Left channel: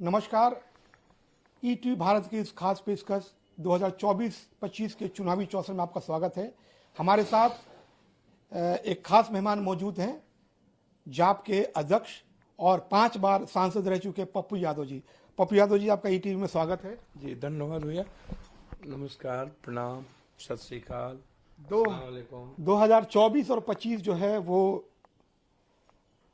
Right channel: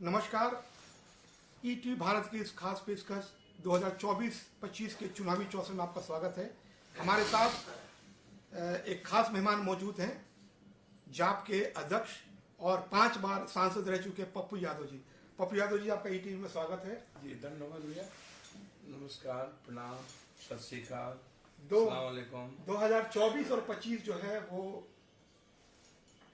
नमस्कार। ईटीवी भारत की इस खास पेशकश 2024-25 के चुनावी चौसर में आपका स्वागत है। हमारे साथ एक खास मेहमान मौजूद हैं, जाप के अध्यक्ष और 5 बार सांसद रह चुके पप्पू यादव जी। पप्पू यादव जी, आपका ईटीवी में स्वागत है। जी धन्यवाद भैया। नमस्कार, प्रणाम, सत श्री अकाल। 2024 और 25 जो है वो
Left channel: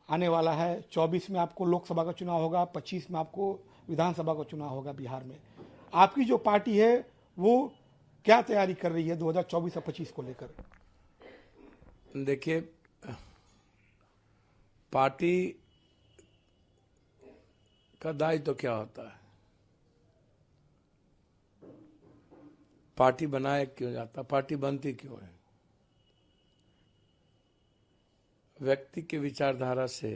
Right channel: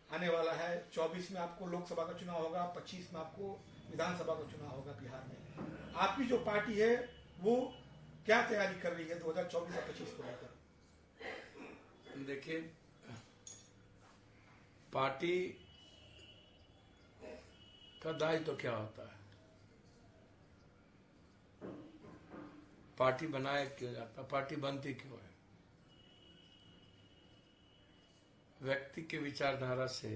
आने वाला है। 24 में आपको लोकसभा का चुनाव होगा, 25 में आपको विधानसभा का चुनाव होगा बिहार में। आपकी जो पार्टी है वो क्या तैयारी कर रही है 2024 और 25 को लेकर? देखिए, पार्टी का दायित्व तो क्या होता है, पार्टी बनाए क्यों जाता, पार्टी बनती क्यों है? व्यक्ति की विचारधारा से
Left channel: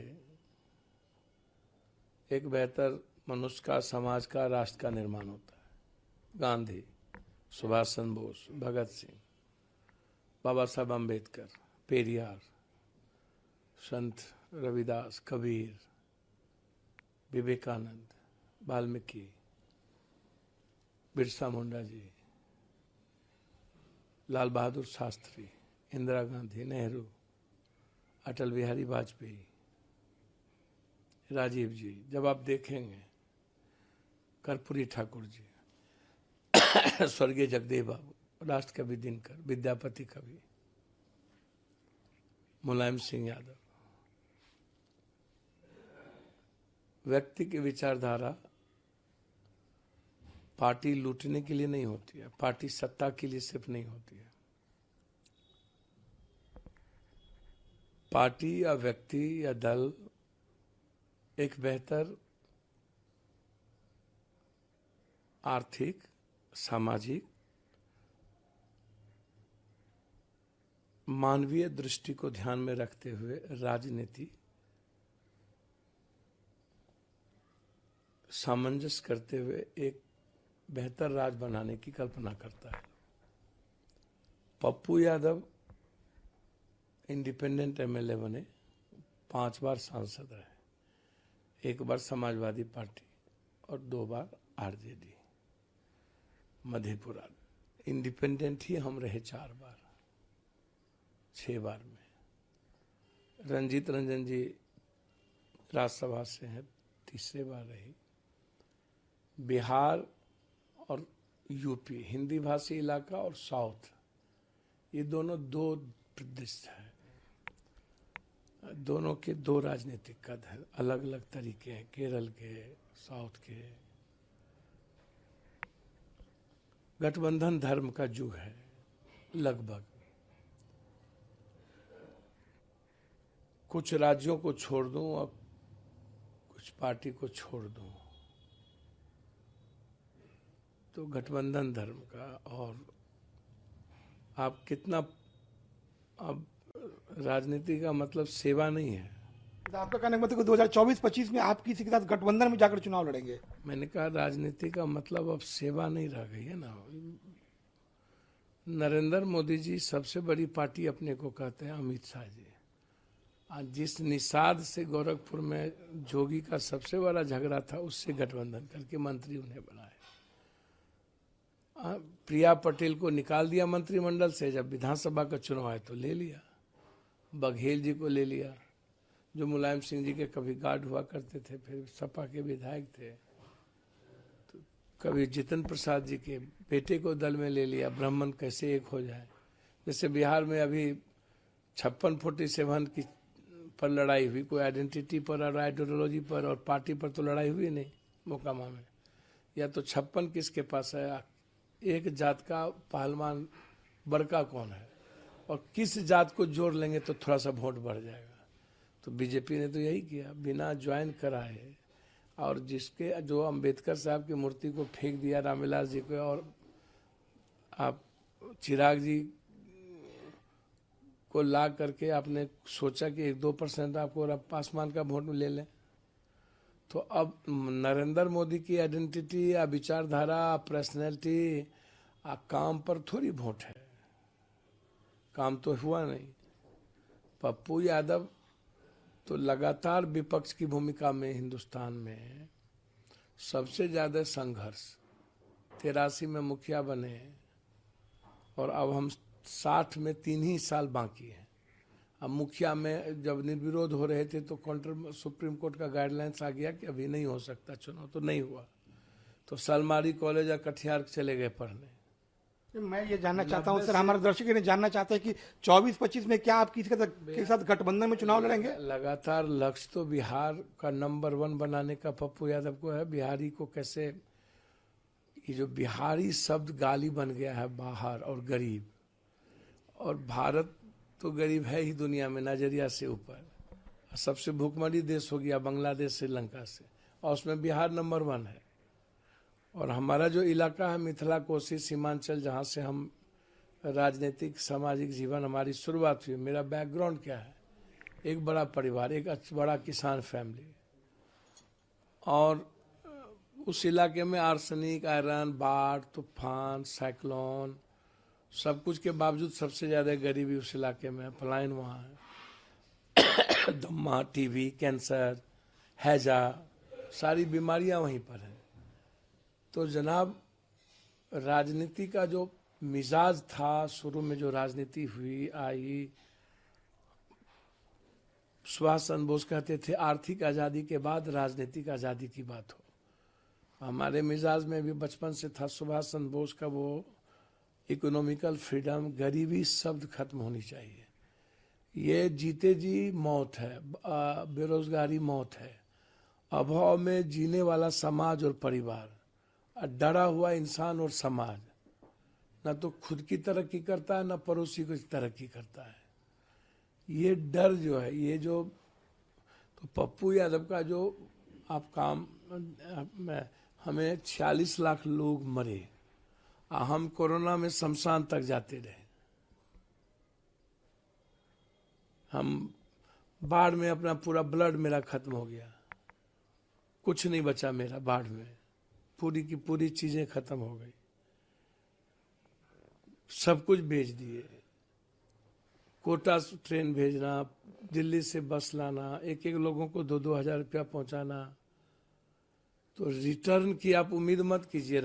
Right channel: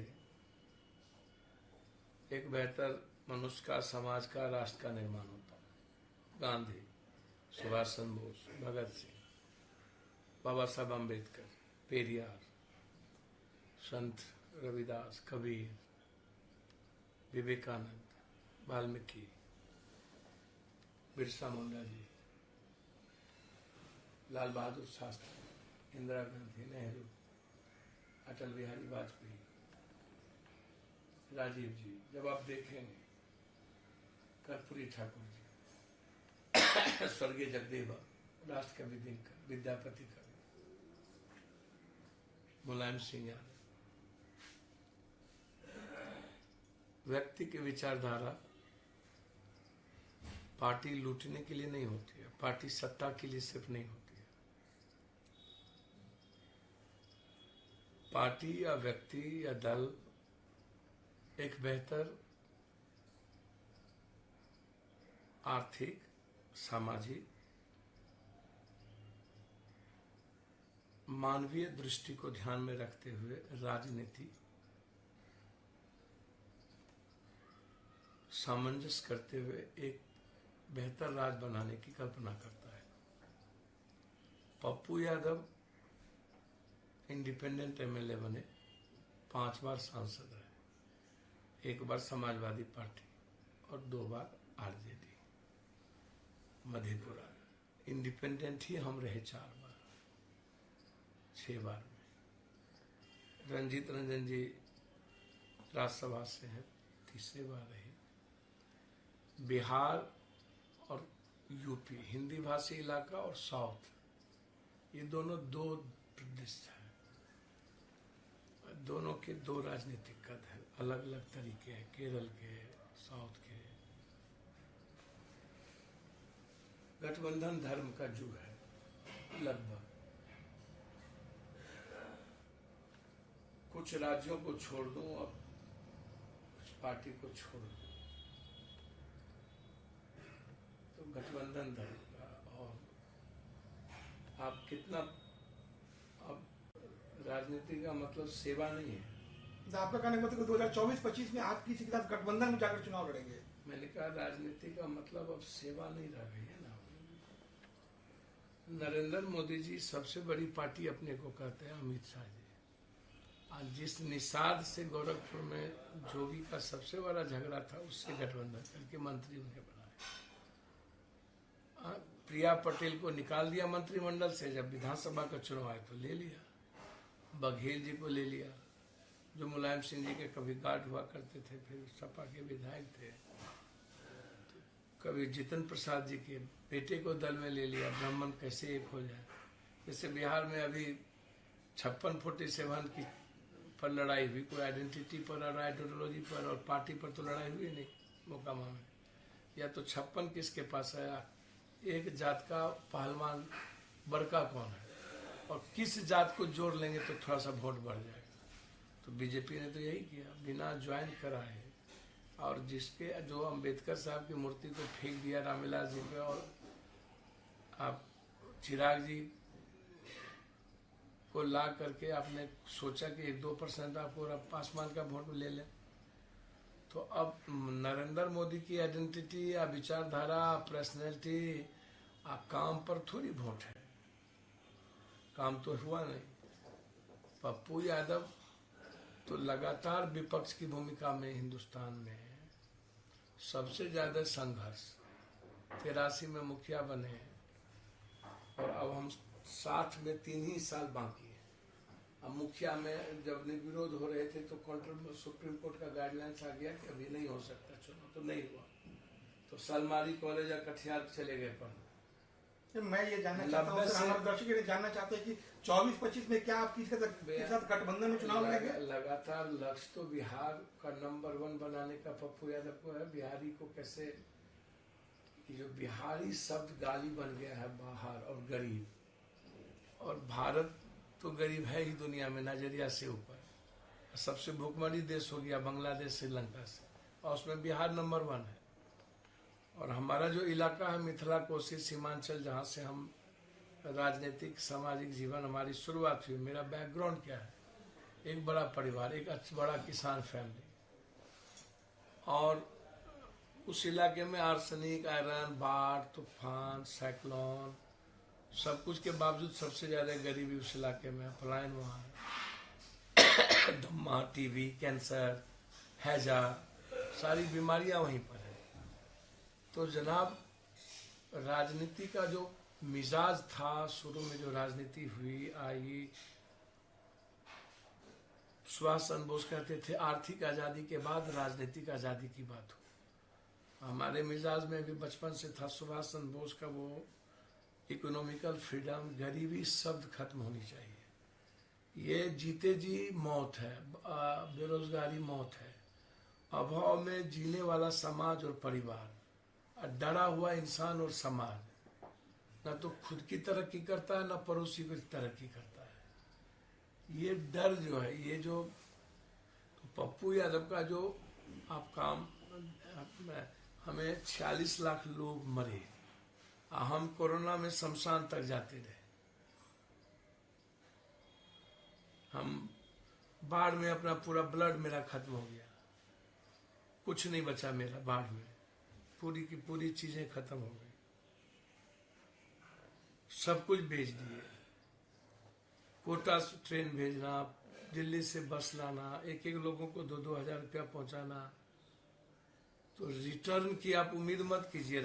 एक बेहतर मनुष्य का, समाज का, राष्ट्र का निर्माण होता है। गांधी, सुभाष चंद्र बोस, भगत सिंह, बाबा साहब अम्बेडकर, पेरियार, संत रविदास, कबीर, विवेकानंद, वाल्मीकि, बिरसा मुंडा जी, लाल बहादुर शास्त्री, इंदिरा गांधी, नेहरू, अटल बिहारी वाजपेयी, राजीव जी, जब आप देखेंगे कर्पूरी ठाकुर जी, स्वर्गीय जगदेव बाबू, राष्ट्र कवि दिनकर, विद्यापति कवि, मुलायम सिंह यादव। व्यक्ति की विचारधारा पार्टी लूटने के लिए नहीं होती है, पार्टी सत्ता के लिए सिर्फ नहीं होती है। पार्टी या व्यक्ति या दल एक बेहतर आर्थिक, सामाजिक, मानवीय दृष्टि को ध्यान में रखते हुए राजनीति सामंजस्य करते हुए एक बेहतर राज बनाने की कल्पना करता है। पप्पू यादव इंडिपेंडेंट एमएलए बने, 5 बार सांसद रहे, 1 बार समाजवादी पार्टी और 2 बार आरजेडी, मधेपुरा। इंडिपेंडेंट ही हम रहे 4 बार, 6 बार में। रंजीत रंजन जी राज्यसभा से हैं, 3रे बार रही। बिहार और यूपी, हिंदी भाषी इलाका और साउथ, ये दोनों 2 प्रदेश हैं। दोनों के 2 राजनीतिक कद हैं, अलग अलग तरीके हैं। केरल के, साउथ के। गठबंधन धर्म का युग है लगभग। कुछ राज्यों को छोड़ दूं और कुछ पार्टी को छोड़ दूं, तो गठबंधन धर्म का। और आप कितना, अब राजनीति का मतलब सेवा नहीं है। आपका कहने का मतलब 2024-25 में आप किसी के साथ गठबंधन में जाकर चुनाव लड़ेंगे? मैंने कहा राजनीति का मतलब अब सेवा नहीं रह गई है ना। नरेंद्र मोदी जी सबसे बड़ी पार्टी अपने को कहते हैं, अमित शाह जी। आज जिस निषाद से गोरखपुर में जोगी का सबसे बड़ा झगड़ा था, उससे गठबंधन करके मंत्री उन्हें बनाए। प्रिया पटेल को निकाल दिया मंत्रिमंडल से, जब विधानसभा का चुनाव आया तो ले लिया। बघेल जी को ले लिया, जो मुलायम सिंह जी के कभी गार्ड हुआ करते थे, फिर सपा के विधायक थे। तो कभी जितेंद्र प्रसाद जी के बेटे को दल में ले लिया। ब्राह्मण कैसे एक हो जाए। जैसे बिहार में अभी 56-47 की पर लड़ाई हुई, कोई आइडेंटिटी पर और आइडियोलॉजी पर और पार्टी पर तो लड़ाई हुई नहीं मोकामा में। या तो 56 किसके पास है, एक जात का पहलवान बड़का कौन है, और किस जात को जोड़ लेंगे तो थोड़ा सा वोट बढ़ जाएगा। तो बीजेपी ने तो यही किया, बिना ज्वाइन कराए। और जिसके जो अंबेडकर साहब की मूर्ति को फेंक दिया, रामविलास जी को, और आप चिराग जी को ला करके आपने सोचा कि 1-2% आपको आसमान का वोट ले लें। तो अब नरेंद्र मोदी की आइडेंटिटी या विचारधारा, पर्सनैलिटी, काम पर थोड़ी वोट है। काम तो हुआ नहीं। पप्पू यादव तो लगातार विपक्ष की भूमिका में हिंदुस्तान में सबसे ज्यादा संघर्ष 83 में मुखिया बने हैं और अब हम 60 में 3 ही साल बाकी है। अब मुखिया में जब निर्विरोध हो रहे थे तो सुप्रीम कोर्ट का गाइडलाइंस आ गया कि अभी नहीं हो सकता चुनाव, तो नहीं हुआ, तो सलमारी कॉलेज या कटिहार चले गए पढ़ने। मैं ये जानना चाहता हूँ सर, हमारे दर्शक ये जानना चाहते हैं कि 24-25 में क्या आप किसके साथ गठबंधन में चुनाव लड़ेंगे? लगातार लक्ष्य तो बिहार का नंबर 1 बनाने का पप्पू यादव को है। बिहारी को कैसे, ये जो बिहारी शब्द गाली बन गया है बाहर और गरीब, और भारत तो गरीब है ही दुनिया में नजरिया से ऊपर, सबसे भूखमरी देश हो गया बांग्लादेश श्रीलंका से, और उसमें बिहार नंबर 1 है। और हमारा जो इलाका है मिथिला कोसी सीमांचल, जहाँ से हम राजनीतिक सामाजिक जीवन हमारी शुरुआत हुई, मेरा बैकग्राउंड क्या है, एक बड़ा परिवार, एक बड़ा किसान फैमिली, और उस इलाके में आर्सेनिक, आयरन, बाढ़, तूफान, साइक्लोन, सब कुछ के बावजूद सबसे ज्यादा गरीबी उस इलाके में है। पलायन वहाँ है, दम्मा, टीबी, कैंसर, हैजा, सारी बीमारियां वहीं पर है। तो जनाब, राजनीति का जो मिजाज था, शुरू में जो राजनीति हुई आई, सुभाष चंद्र बोस कहते थे आर्थिक आजादी के बाद राजनीतिक आजादी की बात हो। हमारे मिजाज में भी बचपन से था सुभाष चंद्र बोस का वो इकोनॉमिकल फ्रीडम, गरीबी शब्द खत्म होनी चाहिए। ये जीते जी मौत है, बेरोजगारी मौत है, अभाव में जीने वाला समाज और परिवार, डरा हुआ इंसान और समाज न तो खुद की तरक्की करता है न पड़ोसी की तरक्की करता है। ये डर जो है, ये जो, तो पप्पू यादव का जो आप काम, हमें 46 लाख लोग मरे, हम कोरोना में शमशान तक जाते रहे, हम बाढ़ में अपना पूरा ब्लड मेरा खत्म हो गया, कुछ नहीं बचा मेरा, बाढ़ में पूरी की पूरी चीजें खत्म हो गई, सब कुछ बेच दिए। कोटा से ट्रेन भेजना, दिल्ली से बस लाना, एक एक लोगों को 2-2 हजार रुपया पहुंचाना, तो रिटर्न की आप उम्मीद मत कीजिए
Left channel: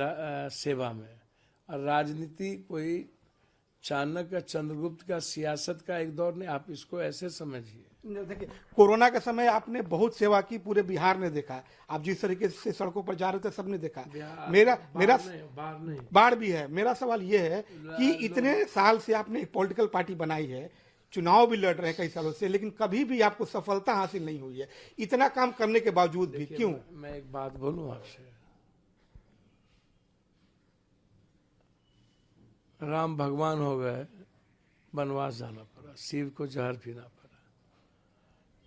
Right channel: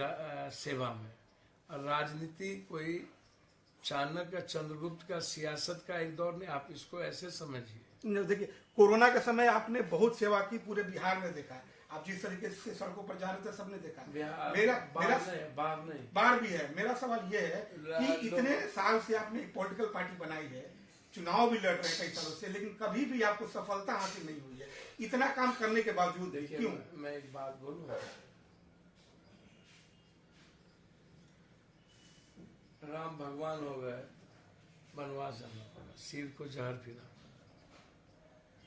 सेवा में। और राजनीति कोई चाणक्य चंद्रगुप्त का सियासत का एक दौर नहीं, आप इसको ऐसे समझिए। देखिए, कोरोना के समय आपने बहुत सेवा की, पूरे बिहार ने देखा, आप जिस तरीके से सड़कों पर जा रहे थे सबने देखा। मेरा बाढ़ भी है। मेरा सवाल ये है कि इतने साल से आपने पॉलिटिकल पार्टी बनाई है, चुनाव भी लड़ रहे हैं कई सालों से, लेकिन कभी भी आपको सफलता हासिल नहीं हुई है, इतना काम करने के बावजूद भी क्यों? मैं एक बात बोलूं आपसे, राम भगवान हो गए, वनवास जाना पड़ा, शिव को जहर पीना पड़ा,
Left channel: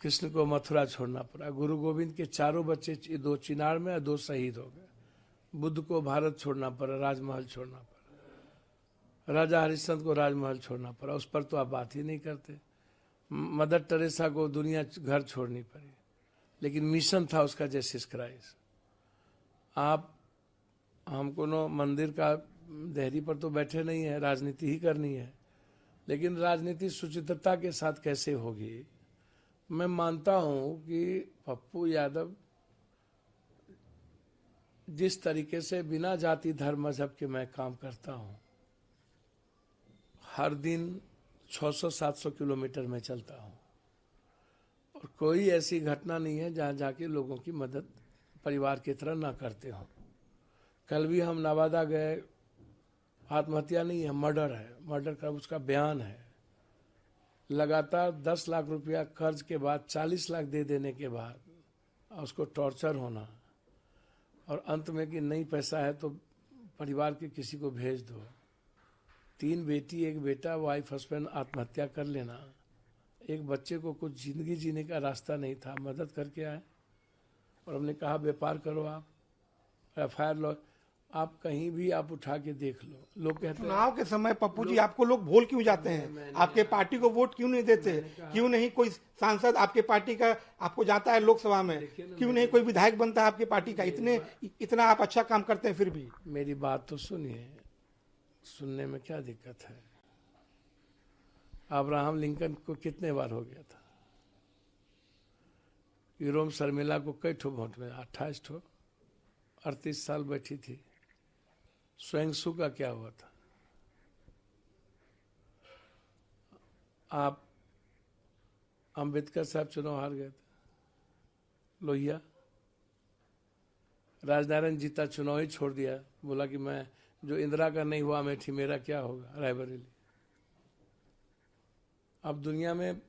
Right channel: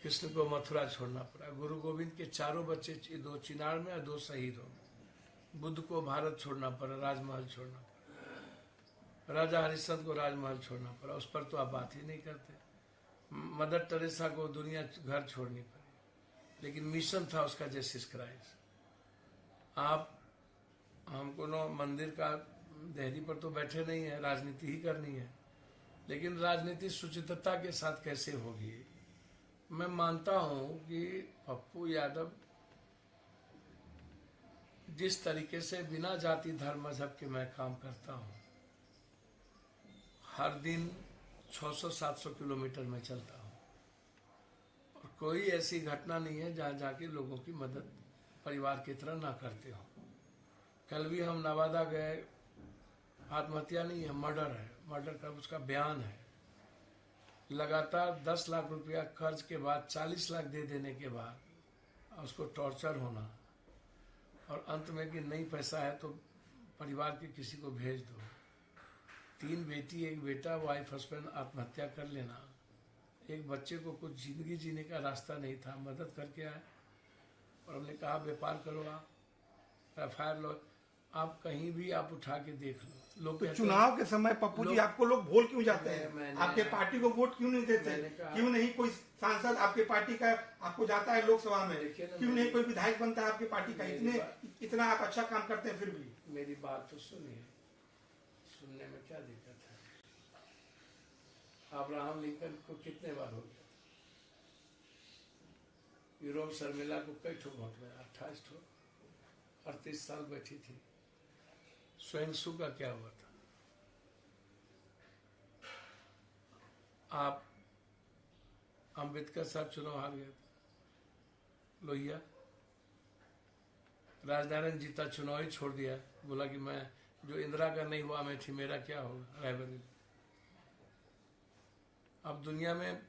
कृष्ण को मथुरा छोड़ना पड़ा, गुरु गोविंद के 4 बच्चे 2 चिनार में और 2 शहीद हो गए, बुद्ध को भारत छोड़ना पड़ा, राजमहल छोड़ना पड़ा, राजा हरिश्चंद्र को राजमहल छोड़ना पड़ा, उस पर तो आप बात ही नहीं करते, मदर टेरेसा को दुनिया घर छोड़नी पड़ी, लेकिन मिशन था उसका जीसस क्राइस्ट। आप हमको नो मंदिर का देहरी पर तो बैठे नहीं है, राजनीति ही करनी है, लेकिन राजनीति सुचित्रता के साथ कैसे होगी? मैं मानता हूं कि पप्पू यादव जिस तरीके से बिना जाति धर्म मजहब के मैं काम करता हूं, हर दिन 600-700 किलोमीटर में चलता हूं, और कोई ऐसी घटना नहीं है जहां जाके लोगों की मदद परिवार की तरह ना करते हो। कल भी हम नवादा गए, आत्महत्या नहीं है, मर्डर है, मर्डर का उसका बयान है। लगातार 10 लाख रुपया कर्ज के बाद 40 लाख दे देने के बाद उसको टॉर्चर होना, और अंत में कि नहीं पैसा है तो परिवार के किसी को भेज दो। 3 बेटी 1 बेटा, वाइफ हस्बैंड आत्महत्या कर लेना, एक बच्चे को कुछ जिंदगी जीने का रास्ता नहीं था, मदद करके आए, और हमने कहा व्यापार करो, आप FIR लो, आप कहीं भी आप उठा के देख लो। लोग चुनाव के समय पप्पू जी आपको लोग भूल क्यों जाते हैं? आपके पार्टी को वोट क्यों नहीं देते? क्यों नहीं कोई सांसद आपके पार्टी का आपको जाता है लोकसभा में? क्यों नहीं कोई विधायक बनता है आपकी पार्टी का? इतना आप अच्छा काम करते हैं फिर भी। मेरी बात तो सुनिए, सुनने में क्या दिक्कत है? अब्राहम लिंकन को कितने बार हो गया था? यूरोम शर्मिला को कई ठो वोट में? 28 ठो। 38 साल बैठी थी। स्वयंसु का क्या हुआ था? आप अंबेडकर साहब चुनाव हार गए थे। लोहिया राजनारायण जीता, चुनाव ही छोड़ दिया, बोला कि मैं जो इंदिरा का नहीं हुआ अमेठी मेरा क्या होगा। रायबरेली। अब दुनिया में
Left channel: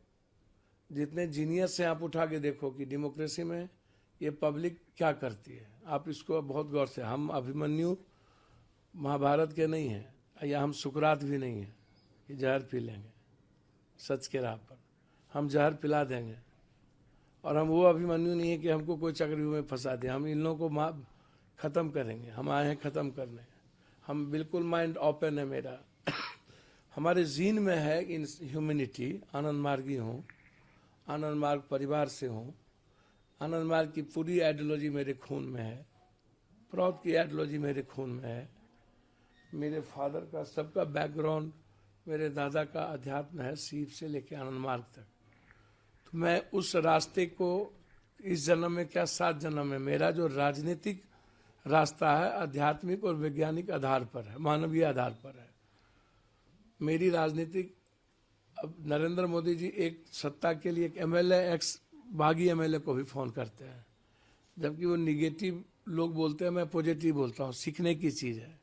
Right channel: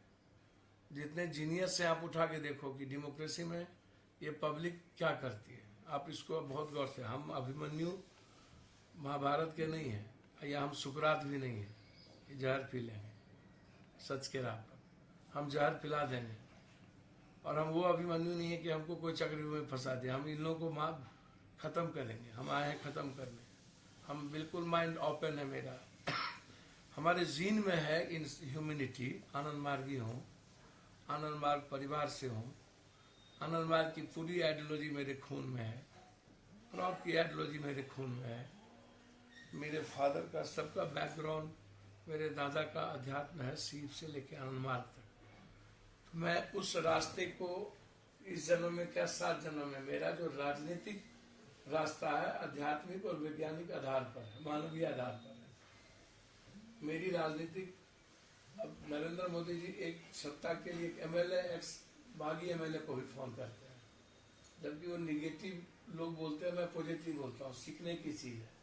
जितने जीनियस से आप उठा के देखो कि डेमोक्रेसी में ये पब्लिक क्या करती है, आप इसको बहुत गौर से। हम अभिमन्यु महाभारत के नहीं हैं या हम सुकरात भी नहीं हैं कि जहर पी लेंगे सच के राह पर। हम जहर पिला देंगे। और हम वो अभिमन्यु नहीं है कि हमको कोई चक्रव्यूह में फंसा दे। हम इन लोगों को खत्म करेंगे। हम आए हैं खत्म करने। हम बिल्कुल माइंड ओपन है मेरा। हमारे जीन में है इन ह्यूमैनिटी। आनंद मार्गी हूँ, आनंद मार्ग परिवार से हूँ। आनंद मार्ग की पूरी आइडियोलॉजी मेरे खून में है। प्रौद की आइडियोलॉजी मेरे खून में है। मेरे फादर का सबका बैकग्राउंड, मेरे दादा का अध्यात्म है, सीप से लेकर आनंद मार्ग तक। तो मैं उस रास्ते को इस जन्म में क्या 7 जन्म में, मेरा जो राजनीतिक रास्ता है आध्यात्मिक और वैज्ञानिक आधार पर है, मानवीय आधार पर है। मेरी राजनीतिक, अब नरेंद्र मोदी जी एक सत्ता के लिए एक एमएलए, एक्स बागी एमएलए को भी फोन करते हैं, जबकि वो निगेटिव लोग बोलते हैं, मैं पॉजिटिव बोलता हूँ। सीखने की चीज़ है।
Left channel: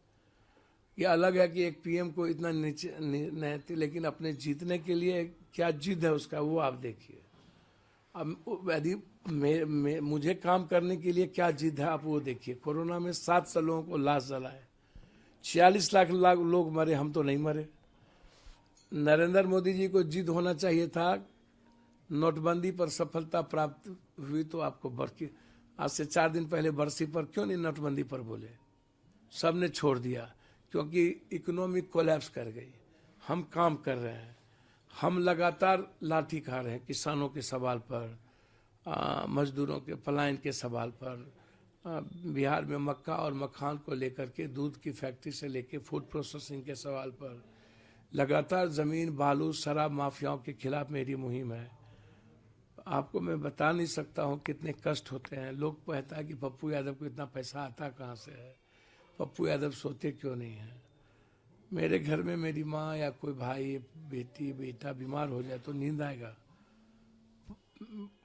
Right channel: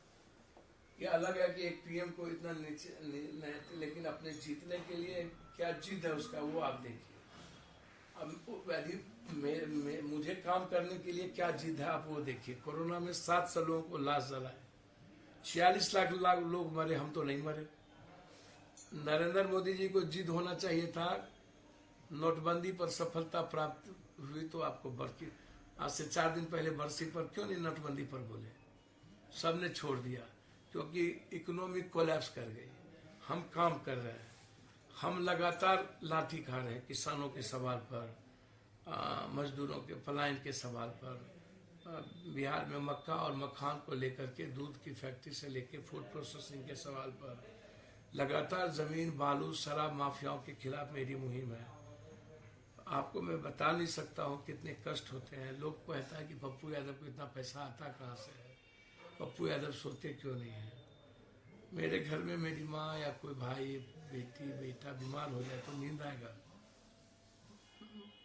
ये अलग है कि एक पीएम को इतना नीचे नहीं, लेकिन अपने जीतने के लिए क्या जिद है उसका, वो आप देखिए। अब यदि मुझे काम करने के लिए क्या जिद है, आप वो देखिए। कोरोना में 700 लोगों को लाश जलाए, 46 लाख लोग मरे, हम तो नहीं मरे। नरेंद्र मोदी जी को जिद होना चाहिए था। नोटबंदी पर सफलता प्राप्त हुई तो आपको बरसी, आज से 4 दिन पहले बरसी पर क्यों नहीं नोटबंदी पर बोले? सबने छोड़ दिया क्योंकि इकोनॉमिक कोलैप्स कर गई। हम काम कर रहे हैं। हम लगातार लाठी खा रहे हैं किसानों के सवाल पर, मजदूरों के पलायन के सवाल पर। बिहार में मक्का और मखान को लेकर के, दूध की फैक्ट्री से लेकर फूड प्रोसेसिंग के सवाल पर लगातार जमीन, बालू, शराब माफियाओं के खिलाफ मेरी मुहिम है। आपको मैं बता नहीं सकता हूँ कितने कष्ट होते हैं। लोग कहता है कि पप्पू यादव को इतना पैसा आता कहाँ से है, पप्पू यादव सोते क्यों नहीं है। मेरे घर में मेरी माँ या कोई भाई, बेटी, बेटा बीमार हो जाए तो नींद आएगा?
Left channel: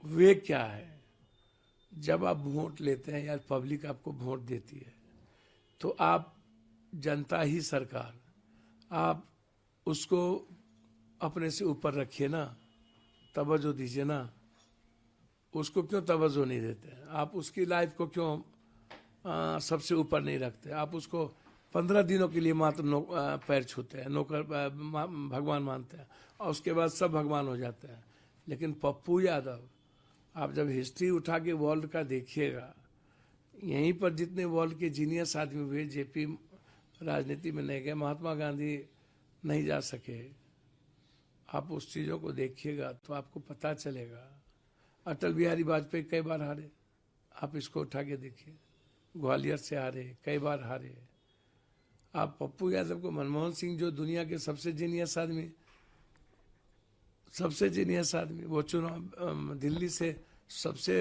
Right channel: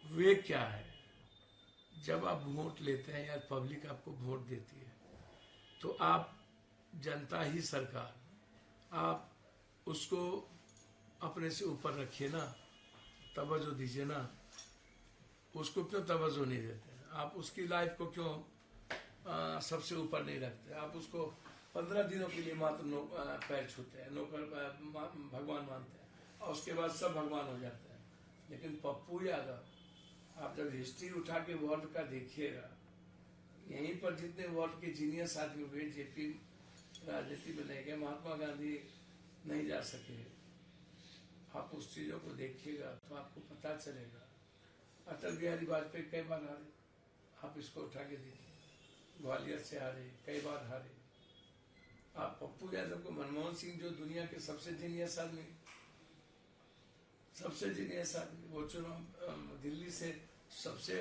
वे क्या है? जब आप वोट लेते हैं या पब्लिक आपको वोट देती है तो आप, जनता ही सरकार, आप उसको अपने से ऊपर रखिए ना, तवज्जो दीजिए ना। उसको क्यों तवज्जो नहीं देते हैं? आप उसकी लाइफ को क्यों सबसे ऊपर नहीं रखते? आप उसको 15 दिनों के लिए मात्र पैर छूते हैं, नौकर भगवान मानते हैं, और उसके बाद सब भगवान हो जाते हैं। लेकिन पप्पू यादव, आप जब हिस्ट्री उठा के वर्ल्ड का देखिएगा, यहीं पर जितने वर्ल्ड के जीनियस आदमी हुए, जेपी राजनीति में नहीं गए, महात्मा गांधी नहीं जा सके। आप उस चीज़ों को देखिएगा तो आपको पता चलेगा। अटल बिहारी वाजपेयी कई बार हारे, आप इसको उठा के देखिए। ग्वालियर से हारे, कई बार हारे। आप पप्पू यादव को, मनमोहन सिंह जो दुनिया के सबसे जीनियस आदमी, वो चुनाव दिल्ली से सबसे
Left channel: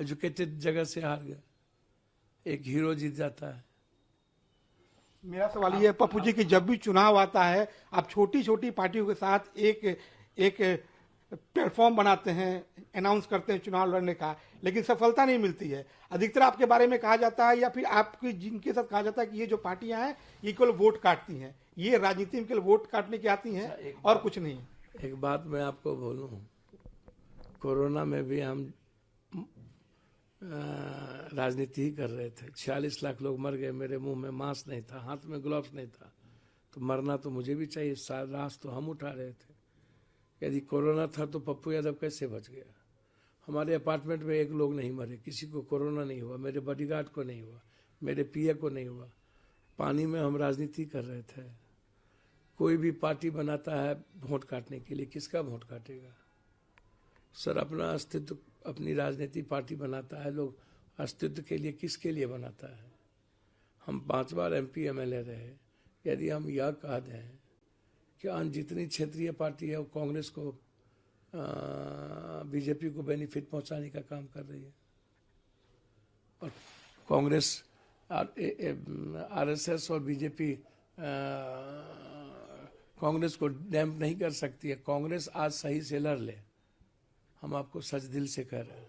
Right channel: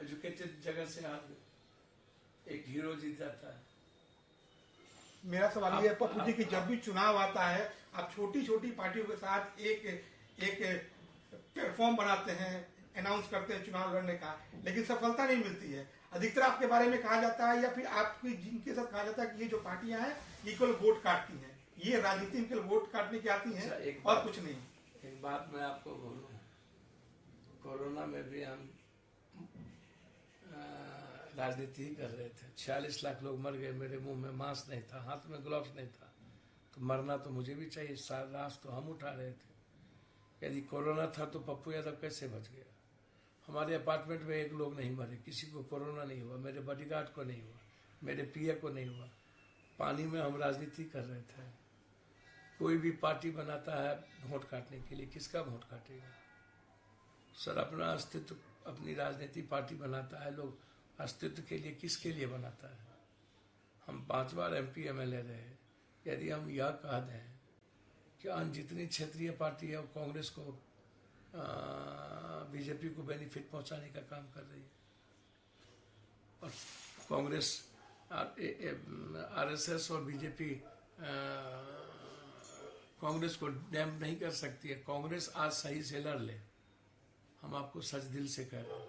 एजुकेटेड जगह से हार गए। एक हीरो जीत जाता है। मेरा सवाल ये है पप्पू जी कि जब भी चुनाव आता है आप छोटी छोटी पार्टियों के साथ एक प्लेटफॉर्म बनाते हैं, अनाउंस करते हैं चुनाव लड़ने का, लेकिन सफलता नहीं मिलती है। अधिकतर आपके बारे में कहा जाता है या फिर आपकी जिनके साथ कहा जाता है कि ये जो पार्टियां हैं ये केवल वोट काटती हैं, ये राजनीति में केवल वोट काटने की आती हैं और कुछ नहीं। एक बात मैं आपको बोलूं, कोरोना में भी हम राजनीति ही कर रहे थे। 46 लाख लोग मर गए, मेरे मुंह में मास्क नहीं था, हाथ में ग्लव्स नहीं था, तो मरना तो मुझे भी चाहिए। रास तो हम उठा रहे थे। यदि कोरोना था तो पप्पू यादव कैसे बच गया? हमारे अपार्टमेंट में एक लोग नहीं मरे, किसी को कोरोना नहीं हुआ, मेरे बॉडीगार्ड को नहीं हुआ, मेरे पीए को नहीं हुआ। पानी में हम राजनीति कर रहे थे। कोई भी पार्टी बनाता है वोट काटने के लिए, किसका वोट काटेगा सर? अपना अस्तित्व, अपनी राजनीति पार्टी बनाता है लोग, अस्तित्व के लिए किसके लिए बनाता है? हम 5 बार एमपी एमएलए रहे। यदि हम यह कह दें कि अन्य जितनी क्षेत्रीय पार्टी है वो कांग्रेस को, बीजेपी को बेनिफिट पहुंचाने का काम कर रही है, और कांग्रेस आरएसएस और बीजेपी कांग्रेस को डैम्प नहीं कर सकती है। कांग्रेस आज सही से लड़ ले, हम आपको सच दिल से कह रहे हैं,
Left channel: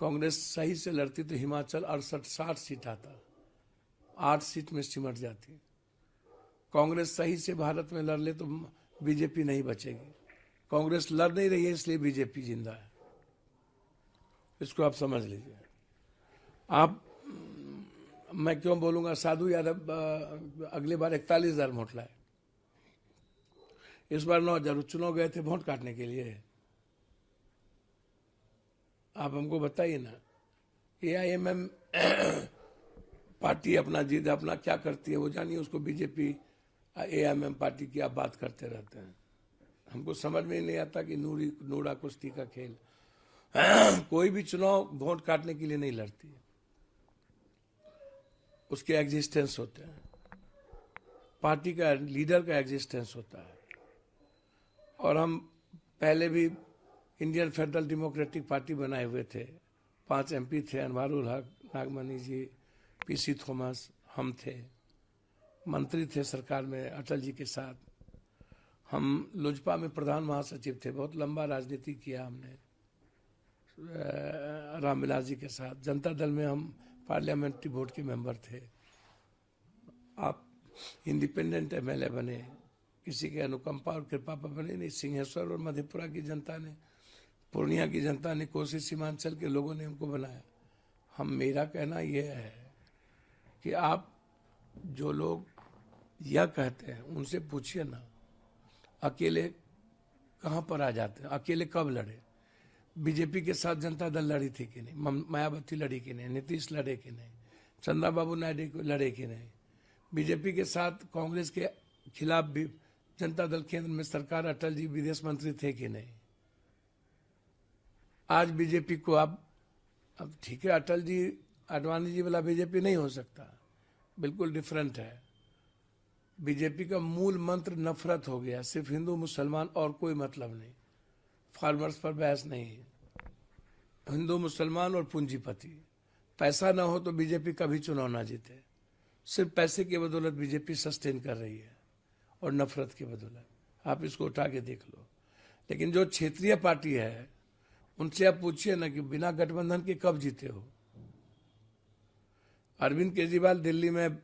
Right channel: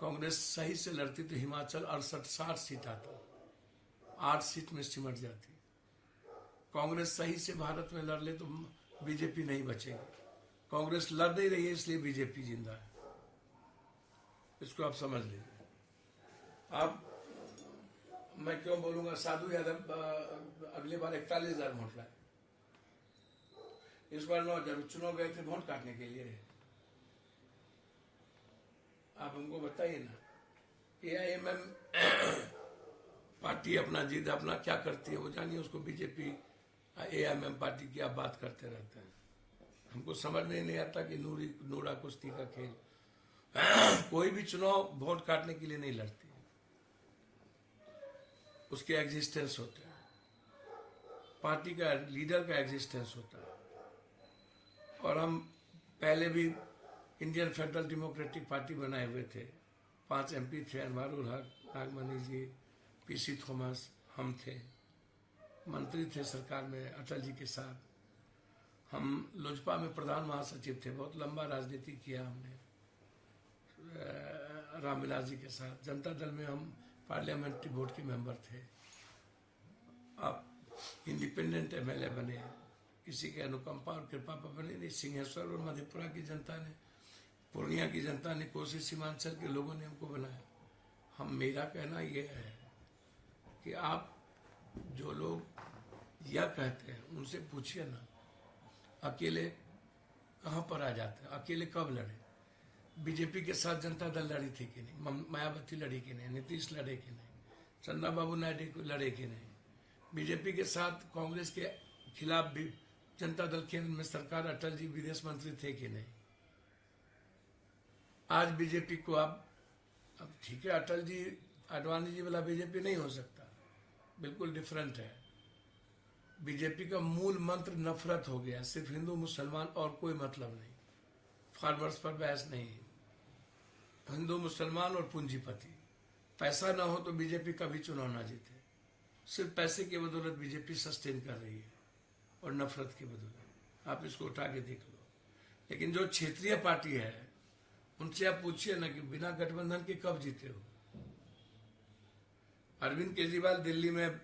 कांग्रेस सही से लड़ती तो हिमाचल 68-60 सीट आता, 8 सीट में सिमट जाती। कांग्रेस सही से भारत में लड़ ले तो बीजेपी नहीं बचेगी। कांग्रेस लड़ नहीं रही है इसलिए बीजेपी जिंदा है, इसको आप समझ लीजिए। आप, मैं क्यों बोलूंगा, साधु यादव अगली बार 41,000 वोट लाए, इस बार 9,000 चुनाव गए थे वोट काटने के लिए। आप हमको बताइए ना, AIMM पार्टी अपना जीत अपना क्या करती है वो जानिए, उसको बीजेपी AIMM पार्टी की आप बात करते रहते हैं। हमको समझ में नहीं आता कि नूरा कुश्ती का खेल कोई भी चुनाव वोट काटने के लिए नहीं लड़ती, उसके एग्जिस्टेंस होते हैं, पार्टी का लीडर का एग्जिस्टेंस होता है। और हम पहले भी इंडियन फेडरल डेमोक्रेटिक पार्टी बनाए हुए थे, 5 MP थे, अनवारुल हक, नागमणि जी, PC थॉमस, हम थे, मंत्री थे सरकार में अटल जी के साथ। हम लोजपा में प्रधान महासचिव थे, बहुत लंबा राजनीति किया हमने रामविलास जी के साथ। जनता दल में हम पार्लियामेंट्री बोर्ड के मेंबर थे। आप इंडिपेंडेंट MLA बने, किसी के अनुकंपा और कृपा पर बने नहीं। सिंहेश्वर और मधेपुरा की जनता ने, पूर्णिया की जनता ने, कोसी सीमांचल के लोगों ने हमको बनाया। मेरा कहना यह है कि आप जो लोग यह कहते हैं उनसे पूछिए ना, अकेले कहां पर आ जाते हैं, अकेले कब लड़े? बीजेपी के साथ जनता दल लड़ी थी कि नहीं? मायावती लड़ी कि नहीं? नीतीश लड़े कि नहीं? चंद्रा बाबू नायडू लड़े कि नहीं? बीजेपी के साथ कांग्रेस के खिलाफ भी जनता दल केंद्र में सरकार, अटल जी विदेश मंत्री थे कि नहीं? आज बीजेपी को अब ठीक है, अटल जी आडवाणी जी वाला बीजेपी नहीं हो सकता, बिल्कुल डिफरेंट है। बीजेपी का मूल मंत्र नफरत हो गया, सिर्फ हिंदू मुसलमान और कोई मतलब नहीं। फार्मर्स पर बहस नहीं, हिंदू मुसलमान और पूंजीपति। पैसा ना हो तो बीजेपी कभी चुनाव ना जीते, सिर्फ पैसे की बदौलत बीजेपी सस्टेन कर रही है और नफरत की बदौलत। आप इसको उठा के देख लो। लेकिन जो क्षेत्रीय पार्टी है उनसे आप पूछिए ना कि बिना गठबंधन के कब जीते हो? अरविंद केजरीवाल दिल्ली में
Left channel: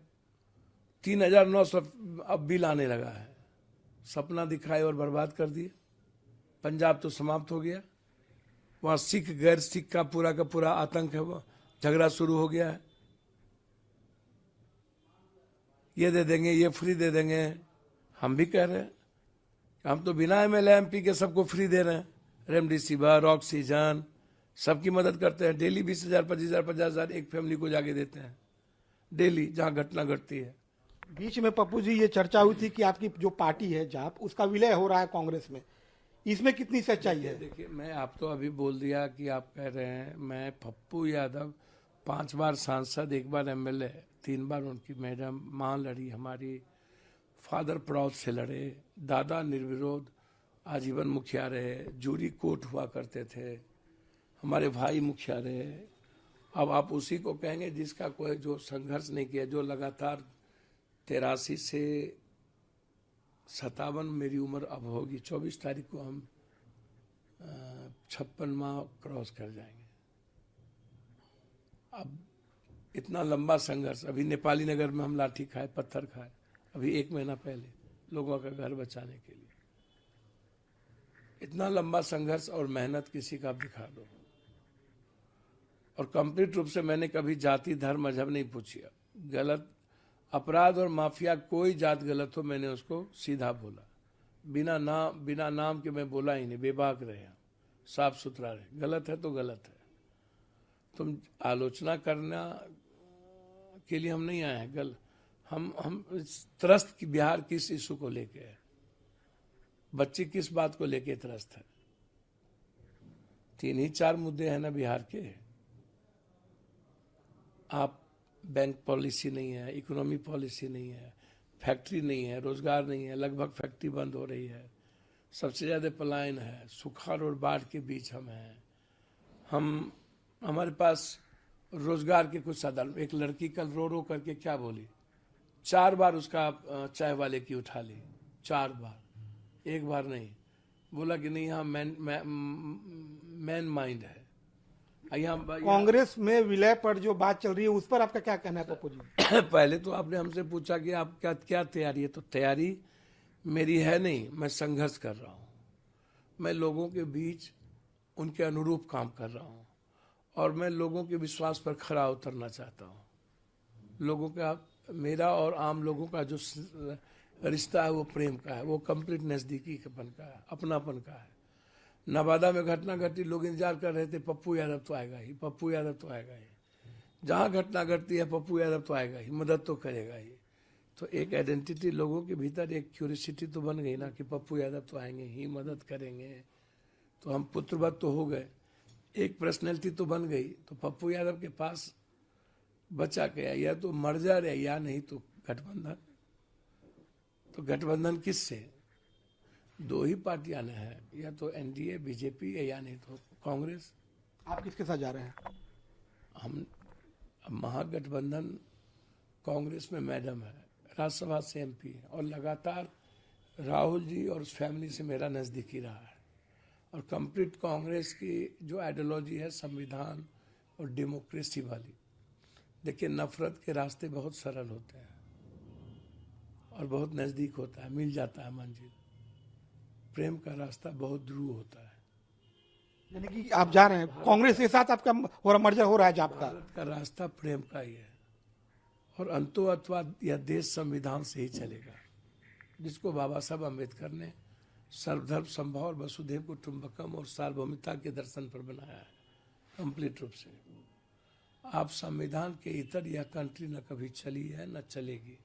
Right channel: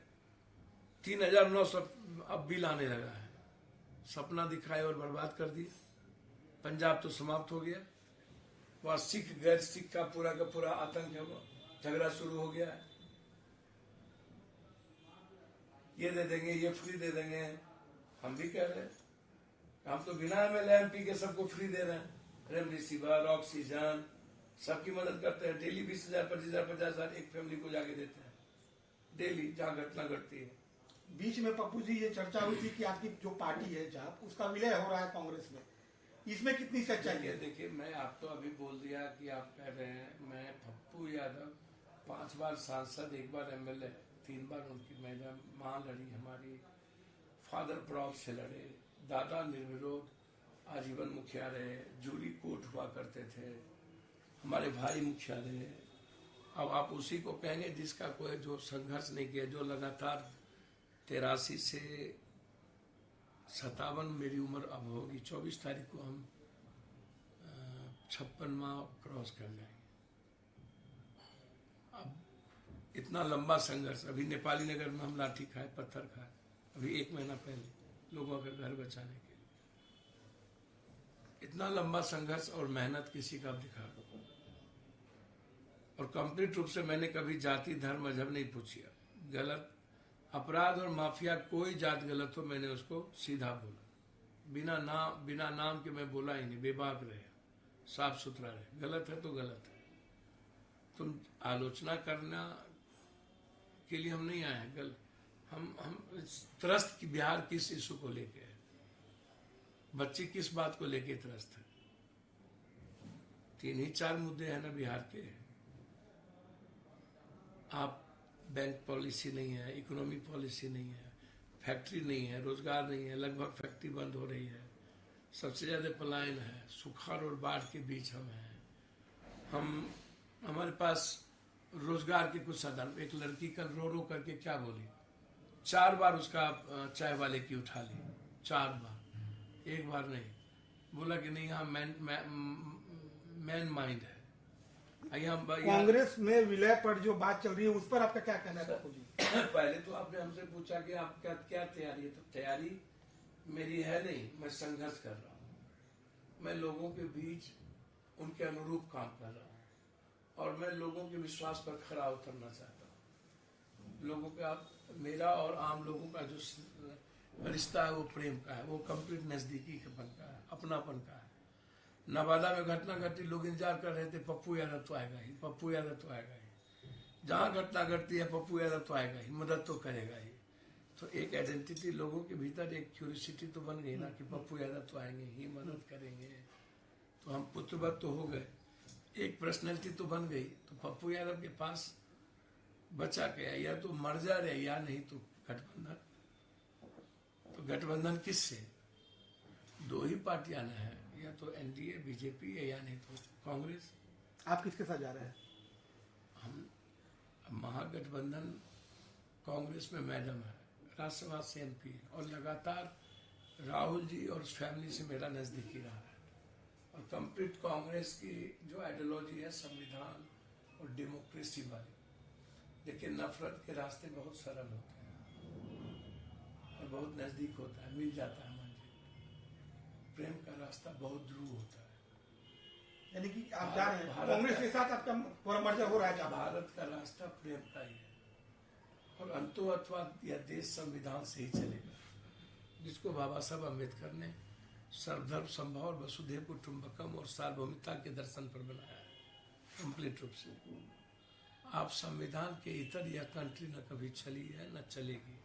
3,900 अब बिल आने लगा है, सपना दिखाए और बर्बाद कर दिया। पंजाब तो समाप्त हो गया, वहां सिख गैर सिख का पूरा आतंक है, वो झगड़ा शुरू हो गया है। ये दे देंगे, ये फ्री दे देंगे। हम भी कह रहे हैं, हम तो बिना MLA MP के सबको फ्री दे रहे हैं, रेमडेसिविर, ऑक्सीजन, सबकी मदद करते हैं। डेली 20,000, 25,000, 50,000 एक फैमिली को जाके देते हैं, डेली जहां घटना घटती है। बीच में पप्पू जी ये चर्चा हुई थी कि आपकी जो पार्टी है जाप, उसका विलय हो रहा है कांग्रेस में, इसमें कितनी सच्चाई है? देखिए, मैं आपको अभी बोल दिया कि आप कह रहे हैं, मैं पप्पू यादव 5 बार सांसद, 1 बार MLA, 3 बार उनकी मैडम मां लड़ी, हमारी फादर प्राउड से लड़े, दादा निर्विरोध आजीवन मुखिया रहे, जूरी कोर्ट हुआ करते थे, हमारे भाई मुखिया रहे। अब आप उसी को कहेंगे जिसका कोई जो संघर्ष नहीं किया, जो लगातार 83 से 57 मेरी उम्र अब होगी, 24 तारीख को हम 56 माह क्रॉस कर जाएंगे। अब इतना लंबा संघर्ष, अभी नेपाली नगर में हम लाठी खाए, पत्थर खाए, अभी 1 महीना पहले लोगों का घर बचाने के लिए। इतना लंबा संघर्ष और मेहनत किसी का दिखा दो। और कंप्लीट रूप से मैंने कभी जाति, धर्म, मजहब नहीं पूछा। गलत अपराध और माफिया, कोई जात गलत हो मैंने उसको सीधा बोला, बिना नाम के मैं बोला ही नहीं। बेबाक रहे, साफ सुथरा रहे, गलत है तो गलत है। तुम आलोचना करना के लिए हम नहीं आए हैं। हम त्रस्त की बिहार किस इशू को लेके है, बच्चे किस बात को लेके त्रस्त है? 3 ही 4 मुद्दे हैं ना बिहार के। आप बैंक पॉलिसी नहीं है, इकोनॉमी पॉलिसी नहीं है, फैक्ट्री नहीं है, रोजगार नहीं है, लगभग फैक्ट्री बंद हो रही है, सबसे ज्यादा पलायन है, सुखाड़ और बाढ़ के बीच हम हैं। हमारे पास रोजगार के कुछ साधन। एक लड़की कल रो रो करके क्या बोली, 4 बार उसका चाय वाले की उठा ली, 4 बार, एक बार नहीं। बोला कि नहीं यहाँ मैन माइंड है। कांग्रेस में विलय पर जो बात चल रही है उस पर आपका क्या कहना है पप्पू जी? पहले तो आपने हमसे पूछा कि आप क्या तैयारी है, तो तैयारी मेरी है नहीं, मैं संघर्ष कर रहा हूँ। मैं लोगों के बीच उनके अनुरूप काम कर रहा हूँ और मैं लोगों के विश्वास पर खरा उतरना चाहता हूँ। लोगों का, मेरा और आम लोगों का जो रिश्ता है वो प्रेम का है, वो कंप्लीट नजदीकीपन का है, अपनापन का है। नवादा में घटना घटी, लोग इंतजार कर रहे थे पप्पू यादव तो आएगा ही, पप्पू यादव तो आएगा ही। जहाँ घटना घटती है पप्पू यादव तो आएगा ही, मदद तो करेगा ही। तो एक आइडेंटिटी लोगों के भीतर, एक क्यूरियोसिटी तो बन गई ना कि पप्पू यादव तो आएंगे ही, मदद करेंगे। तो हम पुत्रवत तो हो गए, एक पर्सनैलिटी तो बन गई। तो पप्पू यादव के पास बचा गया, या तो मर्जर है या नहीं तो गठबंधन। तो गठबंधन किससे? 2 ही पार्टियां हैं, या तो एनडीए बीजेपी है या नहीं तो कांग्रेस। आप किसके साथ जा रहे हैं? हम महागठबंधन कांग्रेस में मैडम है, राज्यसभा से एमपी है और लगातार राहुल जी और उस फैमिली से मेरा नजदीकी रहा है। और कंप्लीट कांग्रेस की जो आइडियोलॉजी है संविधान और डेमोक्रेसी वाली। देखिए, नफरत के रास्ते बहुत सरल होते हैं और बहुत नजदीक होता है, मिल जाता है मंजिल। प्रेम का रास्ता बहुत दूर होता है। यानी कि आप जा रहे हैं कांग्रेस के साथ, आपका मर्जर हो रहा है आपका? भारत का रास्ता प्रेम का ही है और अंतोत्वाद या देश संविधान से ही चलेगा, जिसको बाबा साहब अम्बेडकर ने सर्वधर्म संभाव और वसुधैव कुटुंबकम और सार्वभौमिकता के दर्शन पर बनाया है कंप्लीट रूप से। आप संविधान के इतर यह कंट्री न कभी चली है न चलेगी।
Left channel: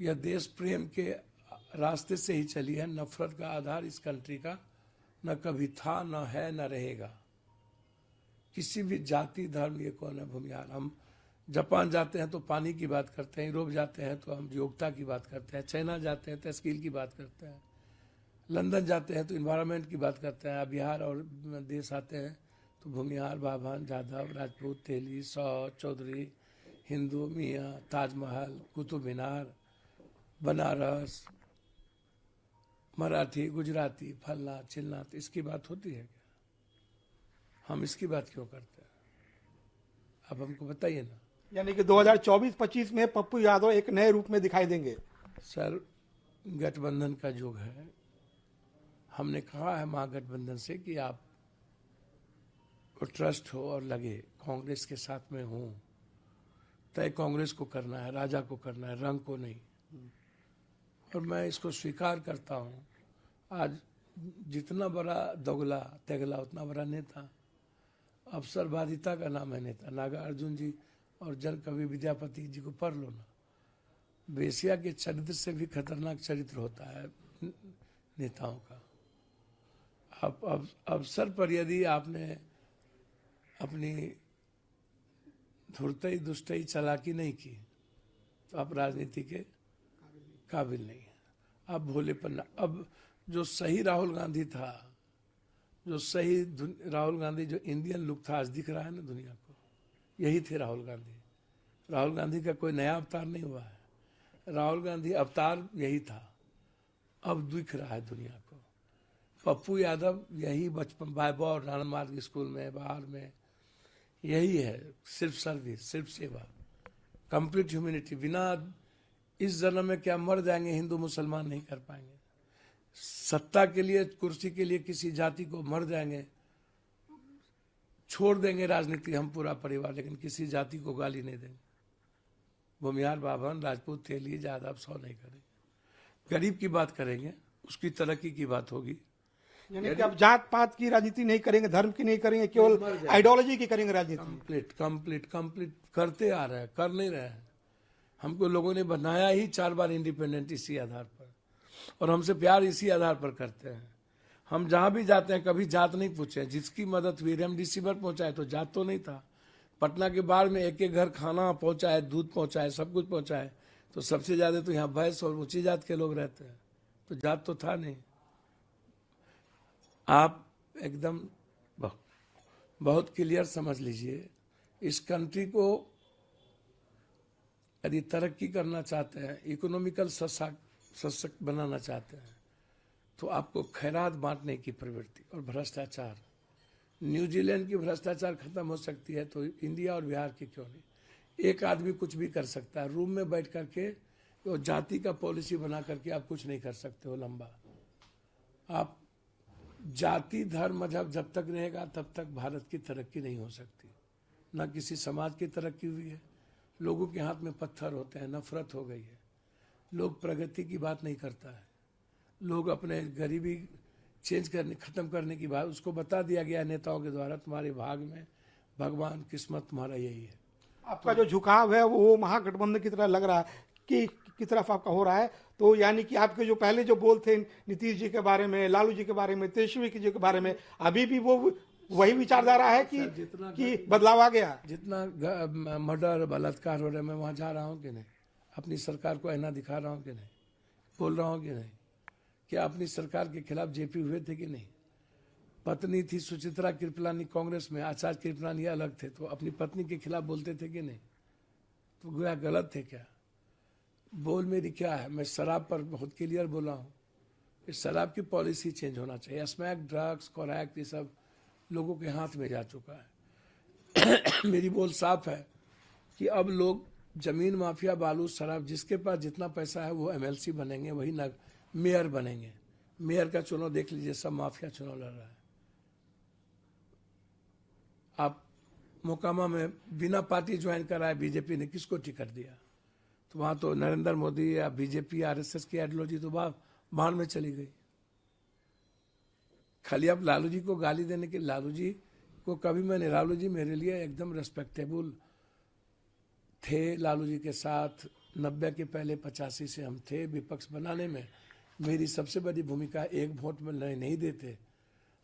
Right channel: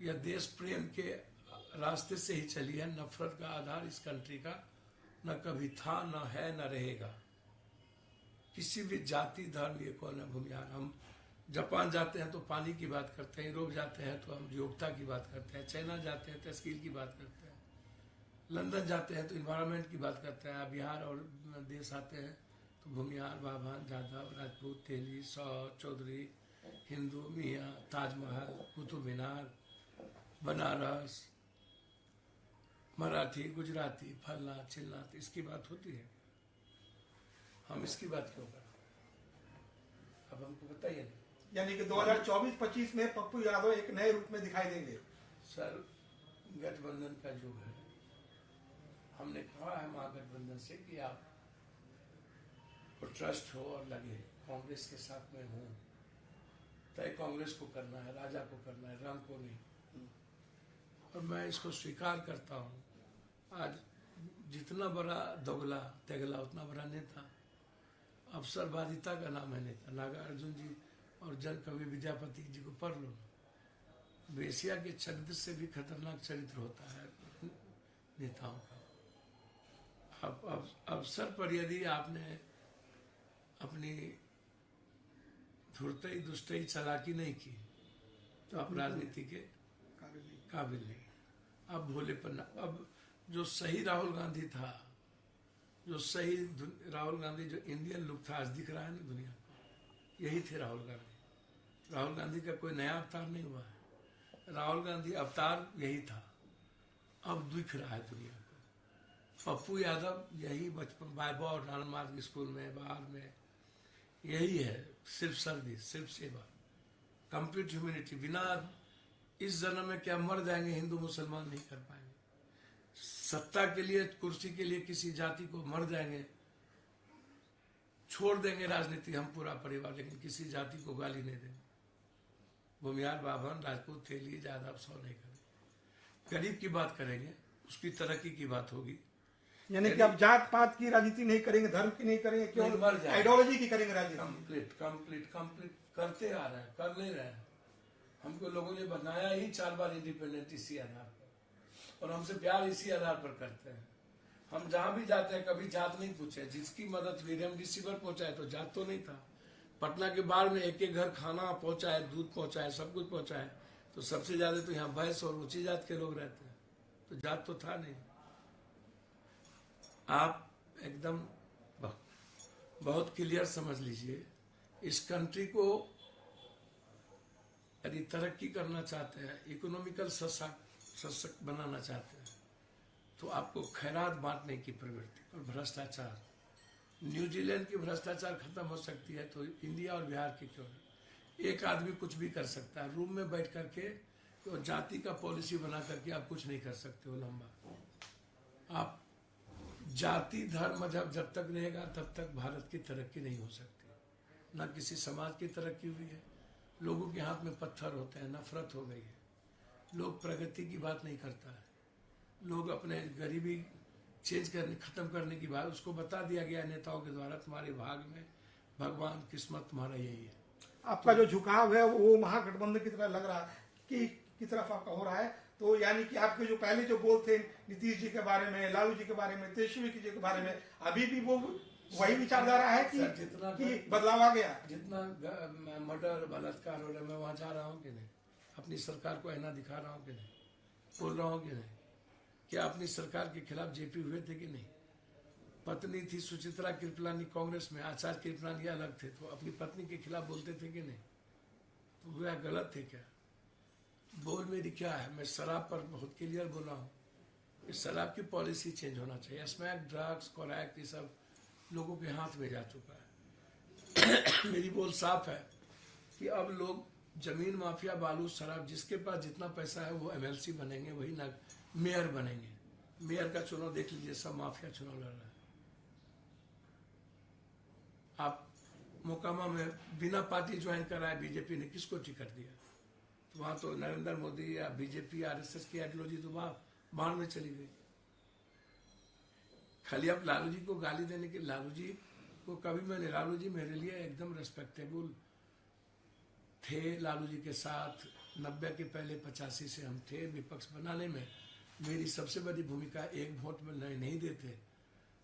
यह देश प्रेम के रास्ते से ही चली है। नफरत का आधार इस कंट्री का न कभी था, न है, न रहेगा। किसी भी जाति धर्म ये कौन है भूमिहार। हम जापान जाते हैं तो पानी की बात करते हैं, यूरोप जाते हैं तो हम योग्यता की बात करते हैं, चाइना जाते हैं तो स्किल की बात करते हैं, लंदन जाते हैं तो इन्वायरमेंट की बात करते हैं। आप बिहार और देश आते हैं तो भूमिहार, बाभन, जाधव, राजपूत, तेली, सौ, चौधरी, हिंदू, मियाँ, ताजमहल, कुतुब मीनार, बनारस, मराठी, गुजराती, फलना चिलना, तो इसकी बात होती है क्या? हम इसकी बात क्यों करते हैं? अब हमको बताइए ना। यानी कि 2024-25 में पप्पू यादव एक नए रूप में दिखाई देंगे। सर, गठबंधन का युग है। हमने कहा है महागठबंधन से कि आप को ट्रस्ट हो और लगे कांग्रेस के साथ में हूं, तय कांग्रेस को करना है, राजा को करना है, रंग को नहीं। और मैं इसको स्वीकार करता हूं। आज जितना बड़ा दोगला तेगला उतना बड़ा नेता। अवसरवादिता का नाम है नेता। नागार्जुन जी और जन कवि विद्यापति जी को पढ़ लो ना। वेश्या के चरित्र से भी खतरनाक चरित्र होता है नेताओं का। अब अवसर पर यदि आपने अपनी धुरतई दुष्टई चालाकी नहीं की तो आप राजनीति के काबिल नहीं है। अब भोलेपन, अब जो सही राहुल गांधी था, जो सही राहुल गांधी, जो इंडियन लुक था, आज दिख रहा है ना दुनिया को, यही थे राहुल गांधी। राहुल गांधी का कोई नया अवतार नहीं हुआ है। राहुल गांधी अवतार यही था, अब दिख रहा है दुनिया को। पप्पू यादव यही बचपन बायबा राणमार्ग स्कूल में, बाहर में, यही है। सिर्फ सर्विस, सिर्फ सेवा, कंप्लीट ह्यूमैनिटी। बिना इस जन्म में क्या मर जाएंगे, हिंदू मुसलमान नहीं कर पाएंगे। सत्ता के लिए, कुर्सी के लिए किसी जाति को मर जाएंगे, छोड़ देंगे राजनीति हम पूरा परिवार, लेकिन किसी जाति को गाली नहीं देंगे। भूमिहार, बाभन, राजपूत, तेली, जादव, सौ नहीं करेंगे। गरीब की बात करेंगे, उसकी तरक्की की बात होगी। यानी कि अब जात पात की राजनीति नहीं करेंगे, धर्म की नहीं करेंगे, केवल आइडियोलॉजी की करेंगे राजनीति। कंप्लीट करते आ रहे हैं, कर नहीं रहे हैं। हमको लोगों ने बनाया ही 4 बार इंडिपेंडेंट इसी आधार पर, और हमसे प्यार इसी आधार पर करते हैं। हम जहां भी जाते हैं कभी जात नहीं पूछे। जिसकी मदद हुई, रेमडेसिविर पहुंचाए तो जात तो नहीं था। पटना के बाढ़ में एक घर खाना पहुंचाए, दूध पहुंचाए, सब कुछ पहुंचाए, तो सबसे ज्यादा तो यहाँ भैंस और ऊंची जात के लोग रहते हैं, तो जात तो था नहीं। आप एकदम बहुत क्लियर समझ लीजिए इस कंट्री को यदि तरक्की करना चाहते हैं, इकोनॉमिकल सशक्त बनाना चाहते हैं, तो आपको खैरात बांटने की प्रवृत्ति और भ्रष्टाचार, न्यूजीलैंड की भ्रष्टाचार खत्म हो सकती है तो इंडिया और बिहार की क्यों नहीं। एक आदमी कुछ भी कर सकता है, रूम में बैठ करके तो जाति का पॉलिसी बना करके आप कुछ नहीं कर सकते हो लंबा। आप जाति धर्म मजहब जब तक रहेगा तब तक भारत की तरक्की नहीं हो सकती। न किसी समाज की तरक्की हुई है, लोगों के हाथ में पत्थर होते हैं, नफरत हो गई है, लोग प्रगति की बात नहीं करता है, लोग अपने गरीबी चेंज करने खत्म करने की बात, उसको बता दिया गया नेताओं के द्वारा, तुम्हारे भाग में भगवान किस्मत तुम्हारा यही है। आपका जो झुकाव है वो महागठबंधन की तरह लग रहा है कि की तरफ आपका हो रहा है, तो यानी कि आपके जो पहले जो बोल थे नीतीश जी के बारे में, लालू जी के बारे में, तेजस्वी जी के बारे में, अभी भी वो वही विचारधारा है कि बदलाव आ गया? जितना मर्डर बलात्कार हो रहे, मैं वहां जा रहा हूँ कि नहीं, अपनी सरकार को आईना दिखा रहा हूँ कि नहीं, बोल रहा हूँ कि नहीं, क्या अपनी सरकार के खिलाफ जेपी हुए थे कि नहीं? पत्नी थी सुचित्रा कृपलानी कांग्रेस में, आचार्य कृपलानी अलग थे, तो अपनी पत्नी के खिलाफ बोलते थे कि नहीं? तो गोया गलत थे क्या? बोल मेरी क्या है, मैं शराब पर बहुत क्लियर बोला हूँ कि शराब की पॉलिसी चेंज होना चाहिए। स्मैक, ड्रग्स, कोरैक्ट, ये सब लोगों के हाथ में जा चुका है। मेरी बोल साफ है कि अब लोग जमीन माफिया, बालू, शराब, जिसके पास जितना पैसा है वो एमएलसी बनेंगे, वही मेयर बनेंगे। मेयर का चुनाव देख लीजिए, सब माफिया चुनाव लड़ रहा है। आप मोकामा में बिना पार्टी ज्वाइन कराए बीजेपी ने किसको टिकट दिया? तो वहां तो नरेंद्र मोदी या बीजेपी आरएसएस की आइडियोलॉजी तो बाहर में चली गई। खाली आप लालू जी को गाली देने के, लालू जी को कभी मैंने, लालू जी मेरे लिए एकदम रेस्पेक्टेबल थे। लालू जी के साथ 90 के पहले 85 से हम थे। विपक्ष बनाने में मेरी सबसे बड़ी भूमिका, एक वोट में नहीं देते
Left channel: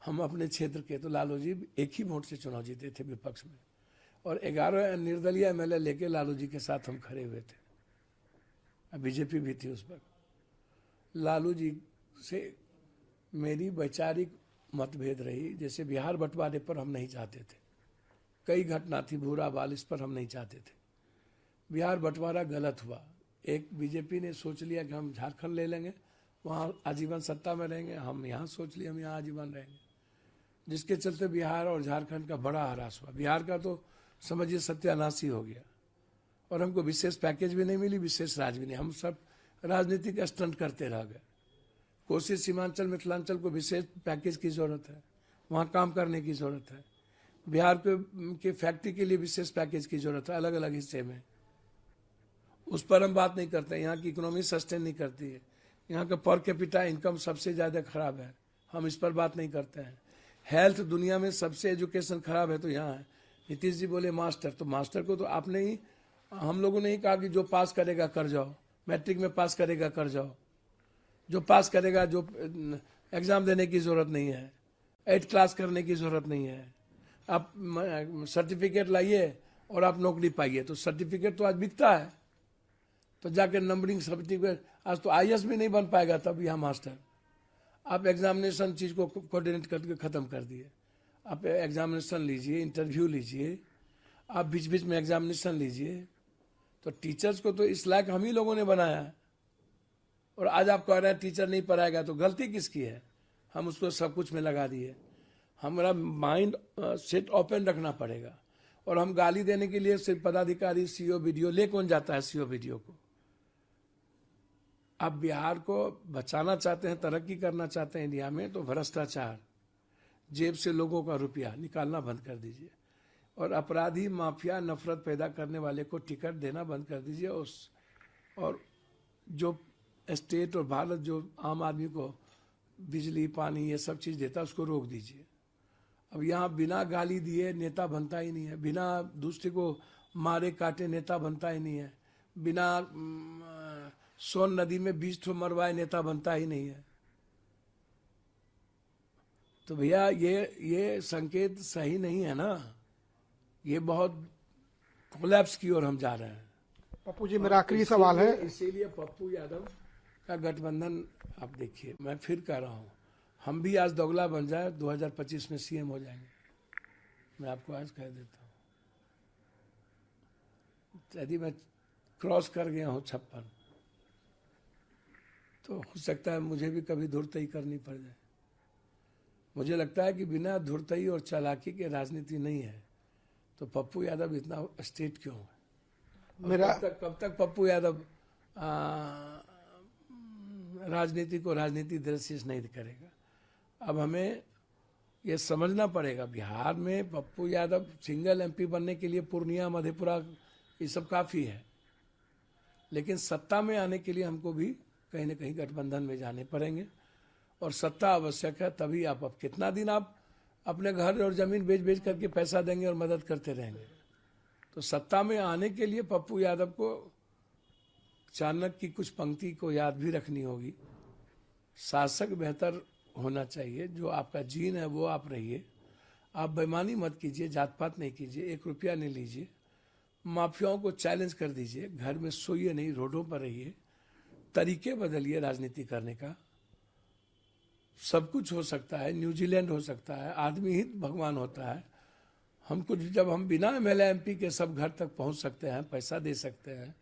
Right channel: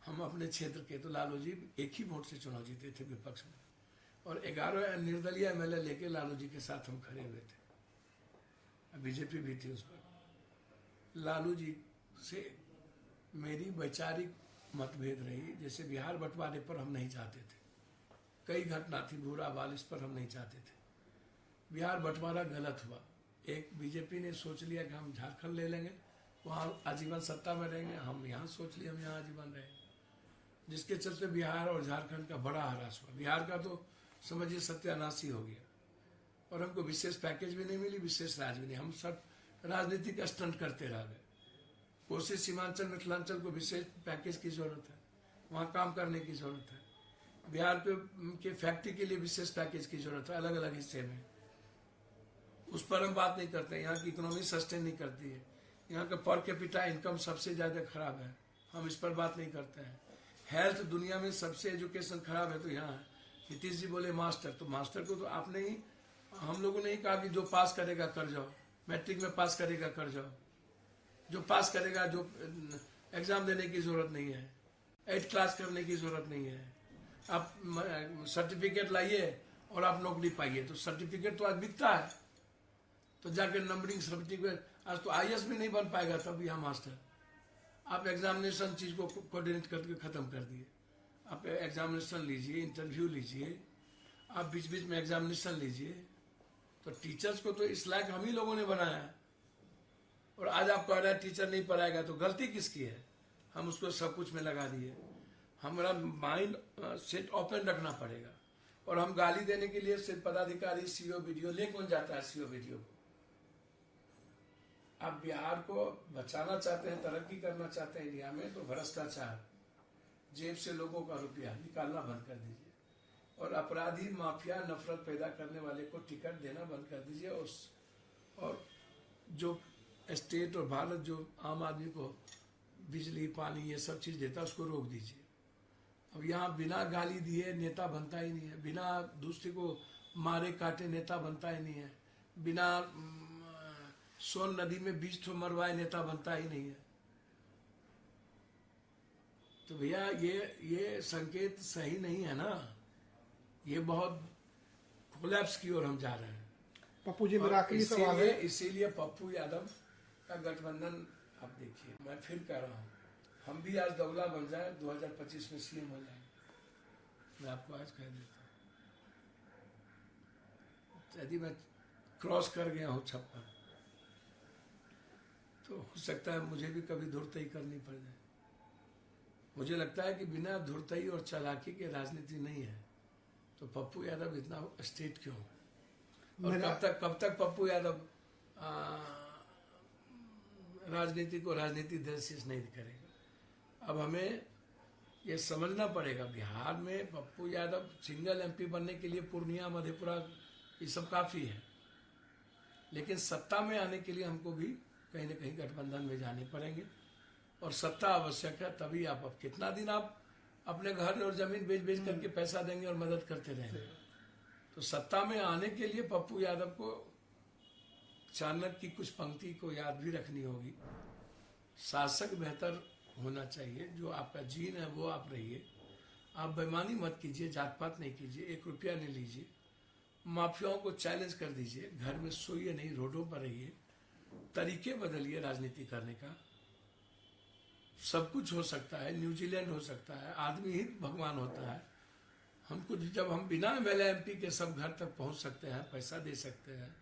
हम अपने क्षेत्र के, तो लालू जी एक ही वोट से चुनाव जीते थे विपक्ष में, और 11 निर्दलीय एमएलए लेके लालू जी के साथ हम खड़े हुए थे। बीजेपी भी थी उस पर। लालू जी से मेरी वैचारिक मतभेद रही, जैसे बिहार बंटवारे पर हम नहीं चाहते थे, कई घटना थी, भूरा बाल, इस पर हम नहीं चाहते थे। बिहार बंटवारा गलत हुआ, एक बीजेपी ने सोच लिया कि हम झारखंड ले लेंगे, वहाँ आजीवन सत्ता में रहेंगे, हम यहाँ सोच लिए हम यहाँ आजीवन रहेंगे, जिसके चलते बिहार और झारखंड का बड़ा ह्रास हुआ। बिहार का तो समझिए सत्यानाश ही हो गया, और हमको विशेष पैकेज भी नहीं मिली, विशेष राज भी नहीं, हम सब राजनीतिक स्टंट करते रह गए। कोसी सीमांचल मिथिलांचल को विशेष पैकेज की जरूरत है, वहाँ काम करने की जरूरत है। बिहार के फैक्ट्री के लिए विशेष पैकेज की जरूरत है, अलग अलग हिस्से में, उस पर हम बात नहीं करते। यहाँ की इकोनॉमी सस्टेन नहीं करती है, यहाँ का पर कैपिटा इनकम सबसे ज्यादा खराब है, हम इस पर बात नहीं करते हैं। हेल्थ, दुनिया में सबसे एजुकेशन खराब है तो यहाँ है। नीतीश जी बोले मास्टर, तो मास्टर को तो आपने ही, हम लोगों ने ही कहा कि जो पास करेगा कर जाओ, मैट्रिक में पास करेगा कर जाओ, जो पास करेगा, जो एग्जाम देने की जरूरत नहीं है, 8th क्लास करने की जरूरत नहीं है, आप सर्टिफिकेट लाइए और आप नौकरी पाइए। तो सर्टिफिकेट तो आज बिकता है, तो जाकर नंबरिंग सर्टिफिकेट, आज तो आईएएस भी नहीं बन पाएगा तब यहाँ मास्टर। आप एग्जामिनेशन चीज को कोऑर्डिनेट करके खत्म कर दिए। आप एग्जामिनेशन लीजिए, इंटरव्यू लीजिए, आप बीच बीच में एग्जामिनेशन लीजिए। तो टीचर्स को तो इस लायक हम ही लोगों ने बनाया है, और आज आप कह रहे हैं टीचर नहीं पढ़ाएगा, तो गलती किसकी है? हम उसको सब कुछ में लगा दिए। हमारा माइंड सेट ओपन रखना पड़ेगा, और हम गाली देने के लिए सिर्फ पदाधिकारी, सीओ वीडियो ले कौन जाता है? सीओ वीडियो को आप बिहार को बचाना चाहते हैं, तरक्की करना चाहते हैं इंडिया में, तो भ्रष्टाचार, जेब से लोगों का रुपया निकालना बंद कर दीजिए, और अपराधी, माफिया, नफरत पैदा करने वाले को टिकट देना बंद कर दीजिए। और जो स्टेट और भारत जो आम आदमी को बिजली, पानी, ये सब चीज देता है, उसको रोक दीजिए। अब यहाँ बिना गाली दिए नेता बनता ही नहीं है, बिना दूसरे को मारे काटे नेता बनता ही नहीं है, बिना सोन नदी में 20 मरवाए नेता बनता ही नहीं है। तो भैया ये संकेत सही नहीं है ना, ये बहुत कोलैप्स की ओर हम जा रहे हैं। पप्पू जी, मेरा आखिरी सवाल है, इसीलिए पप्पू यादव का गठबंधन, आप देखिए, मैं फिर कह रहा हूँ, हम भी आज दोगला बन जाए 2025 में सीएम हो जाएंगे, मैं आपको आज कह देता हूँ। यदि मैं क्रॉस कर गया हूँ 56, तो हो सकता है मुझे भी कभी धुरतई करनी पड़ जाए। मुझे लगता है कि बिना धुरतई और चालाकी के राजनीति नहीं है, तो पप्पू यादव इतना स्टेट क्यों? और कब तक पप्पू यादव राजनीति को राजनीति दृष्टि से नहीं करेगा। अब हमें ये समझना पड़ेगा, बिहार में पप्पू यादव सिंगल एमपी बनने के लिए पूर्णिया, मधेपुरा ये सब काफी है, लेकिन सत्ता में आने के लिए हमको भी कहीं न कहीं गठबंधन में जाने पड़ेंगे और सत्ता आवश्यक है। तभी आप अब कितना दिन आप अपने घर और जमीन बेच करके पैसा देंगे और मदद करते रहेंगे? तो सत्ता में आने के लिए पप्पू यादव को चाणक्य की कुछ पंक्ति को याद भी रखनी होगी। शासक बेहतर होना चाहिए, जो आपका जीन है वो आप रहिए, आप बेईमानी मत कीजिए, जात पात नहीं कीजिए, 1 रुपया नहीं लीजिए, माफियाओं को चैलेंज कर दीजिए, घर में सोइए नहीं, रोडों पर रहिए, तरीके बदलिए राजनीति करने का। सब कुछ हो सकता है, न्यूजीलैंड हो सकता है, आदमी ही भगवान होता है। हमको जब हम बिना एमएलए एमपी के सब घर तक पहुंच सकते हैं, पैसा दे सकते हैं,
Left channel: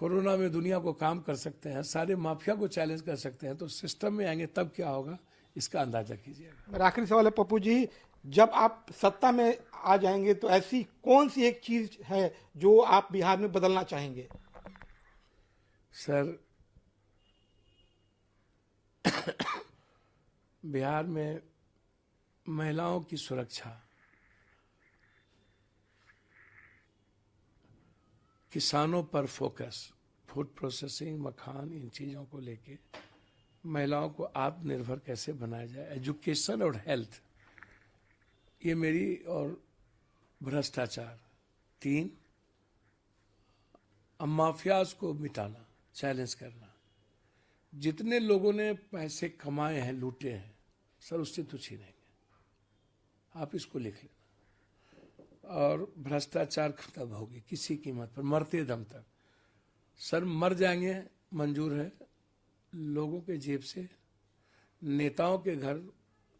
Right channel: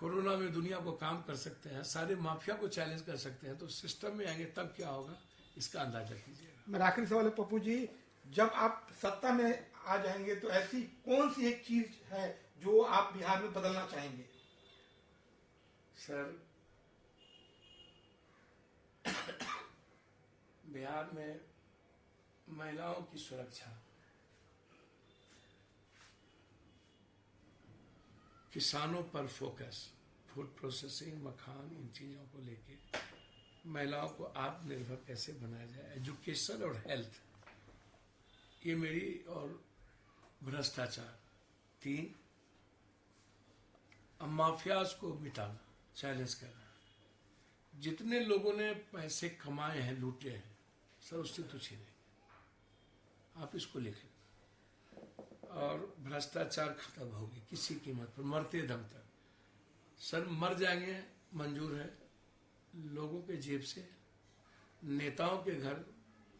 कोरोना में दुनिया को काम कर सकते हैं, सारे माफिया को चैलेंज कर सकते हैं, तो सिस्टम में आएंगे तब क्या होगा, इसका अंदाजा कीजिएगा। मेरा आखिरी सवाल है पप्पू जी, जब आप सत्ता में आ जाएंगे तो ऐसी कौन सी एक चीज है जो आप बिहार में बदलना चाहेंगे? सर, बिहार में महिलाओं की सुरक्षा, किसानों पर फोकस, फूड प्रोसेसिंग, मखान, इन चीज़ों को लेके महिलाओं को आत्मनिर्भर कैसे बनाया जाए, एजुकेशन और हेल्थ, ये मेरी, और भ्रष्टाचार, 3, माफियाज को मिटाना, चैलेंज करना। जितने लोगों ने पैसे कमाए हैं, लूटे हैं, सर उससे तो छीनेंगे, आप इसको लिख लें। और भ्रष्टाचार खत्म होगी किसी कीमत पर, मरते दम तक। सर मर जाएंगे, मंजूर है, लोगों के जेब से, नेताओं के घर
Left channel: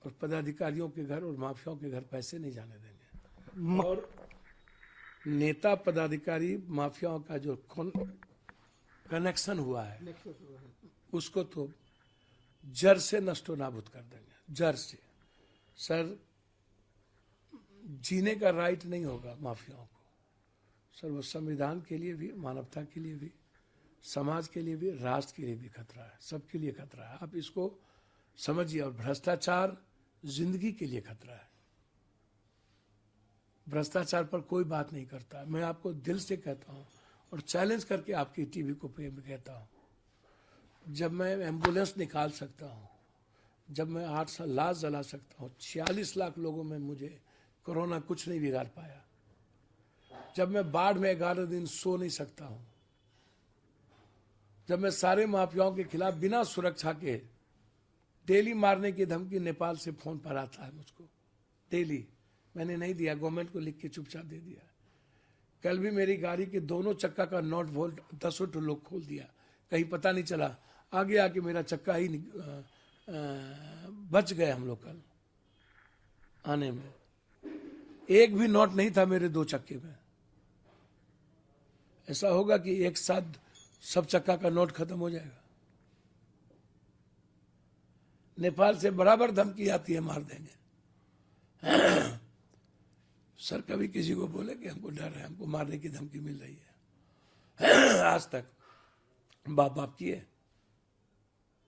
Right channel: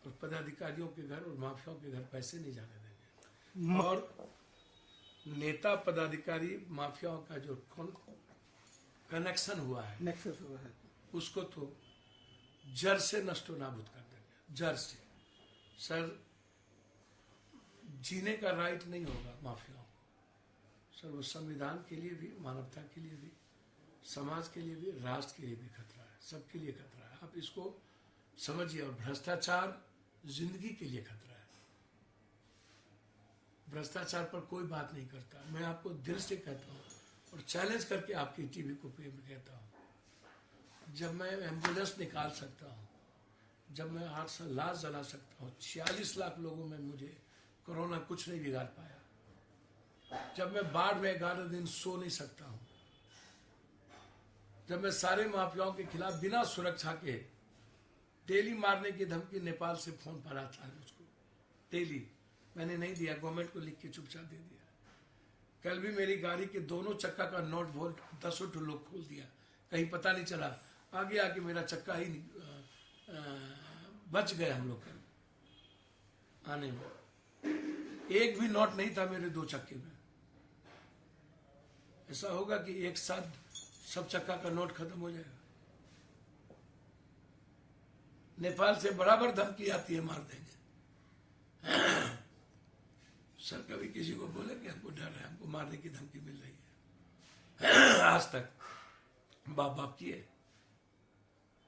और पदाधिकारियों के घर और माफियाओं के घर पैसे नहीं जाने देंगे। और नेता पदाधिकारी माफियाओं का जो कनेक्शन हुआ है, उसको तो जड़ से नष्टो नाबूद कर देंगे, जड़ से। सर जीने का राइट नहीं होगा माफियाओं को। सर वो संविधान के लिए भी, मानवता के लिए भी, समाज के लिए भी, राष्ट्र के लिए भी खतरा है, सबके लिए खतरा है, आप इसको समझिए। और भ्रष्टाचार जिंदगी के लिए खतरा है। भ्रष्टाचार पर कोई बात नहीं करता। मैं आपको दिल से कहता हूं और चैलेंज करके आपकी टीवी को पे कहता हूं, जब मैं एम्बुलेंस निकाल सकता हूं, जब मैं 8 लाश जला सकता हूं, 46 लाख लोगों में मुझे कोरोना कुछ नहीं बिगाड़ पाया, जब मैं बाढ़ में 11 दिन सो नहीं सकता हूं, जब मैं सारे माफियाओं के खिलाफ बिना सुरक्षा के डेली मारने की धमकी नेपाल से फोन पर आता है मुझको, डेली, मैंने नहीं दिया, गवर्नमेंट को लिख के चुपचाप दे दिया। कल भी मेरी गाड़ी के दोनों चक्का का नॉट बोल्ट 10 लोग खोल दिया, कहीं पता नहीं चला, आगे आके मेरा चक्का ही बच गया हम लोग कल आने में। एक भी नोट नहीं था मेरे 2 चक्के में। ऐसा होगा कि एक साथ सब चक्का का नोट खत्म हो जाएगा। नेपाल से बराबर धमकी आती है, मार देंगे। सर कभी किसी को बोला कि हमको डर है, हमको मारने की धमकी मिल रही है? आज तक बाप किए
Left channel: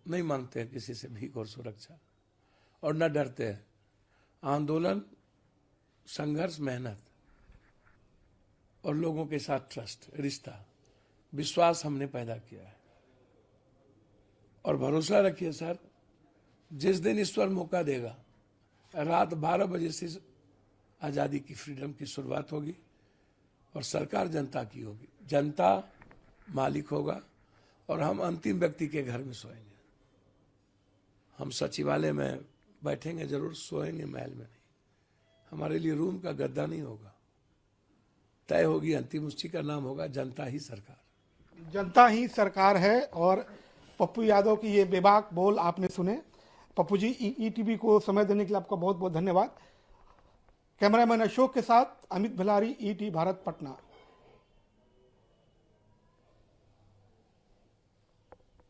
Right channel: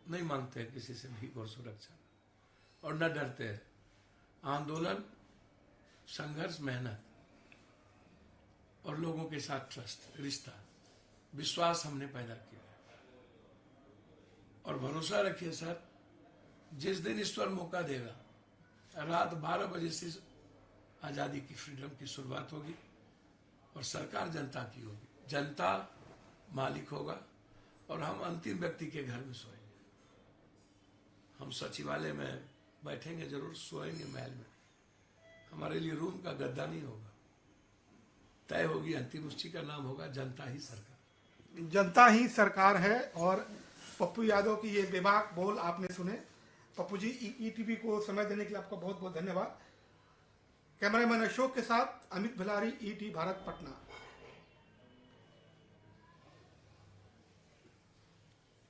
नहीं, मांगते हैं किसी से भीख और सुरक्षा, और न डरते हैं। आंदोलन, संघर्ष, मेहनत और लोगों के साथ ट्रस्ट, रिश्ता, विश्वास हमने पैदा किया है। और भरोसा रखिए सर, जिस दिन ईश्वर मौका देगा, रात 12 बजे से आज़ादी की, फ्रीडम की शुरुआत होगी और सरकार जनता की होगी। जनता मालिक होगा और हम अंतिम व्यक्ति के घर में सोएंगे। हम सचिवालय में बैठेंगे जरूर, सोएंगे महल में नहीं। हमारे लिए रूम का गद्दा नहीं होगा, तय होगी अंतिम, उसी का नाम होगा जनता ही सरकार। जनता ही सरकार है। और पप्पू यादव की ये बेबाक बोल आपने सुने। पप्पू जी, ईटीवी को समय देने के लिए आपका बहुत बहुत धन्यवाद। कैमरामैन अशोक के साथ अमित भिलारी, ईटी भारत, पटना।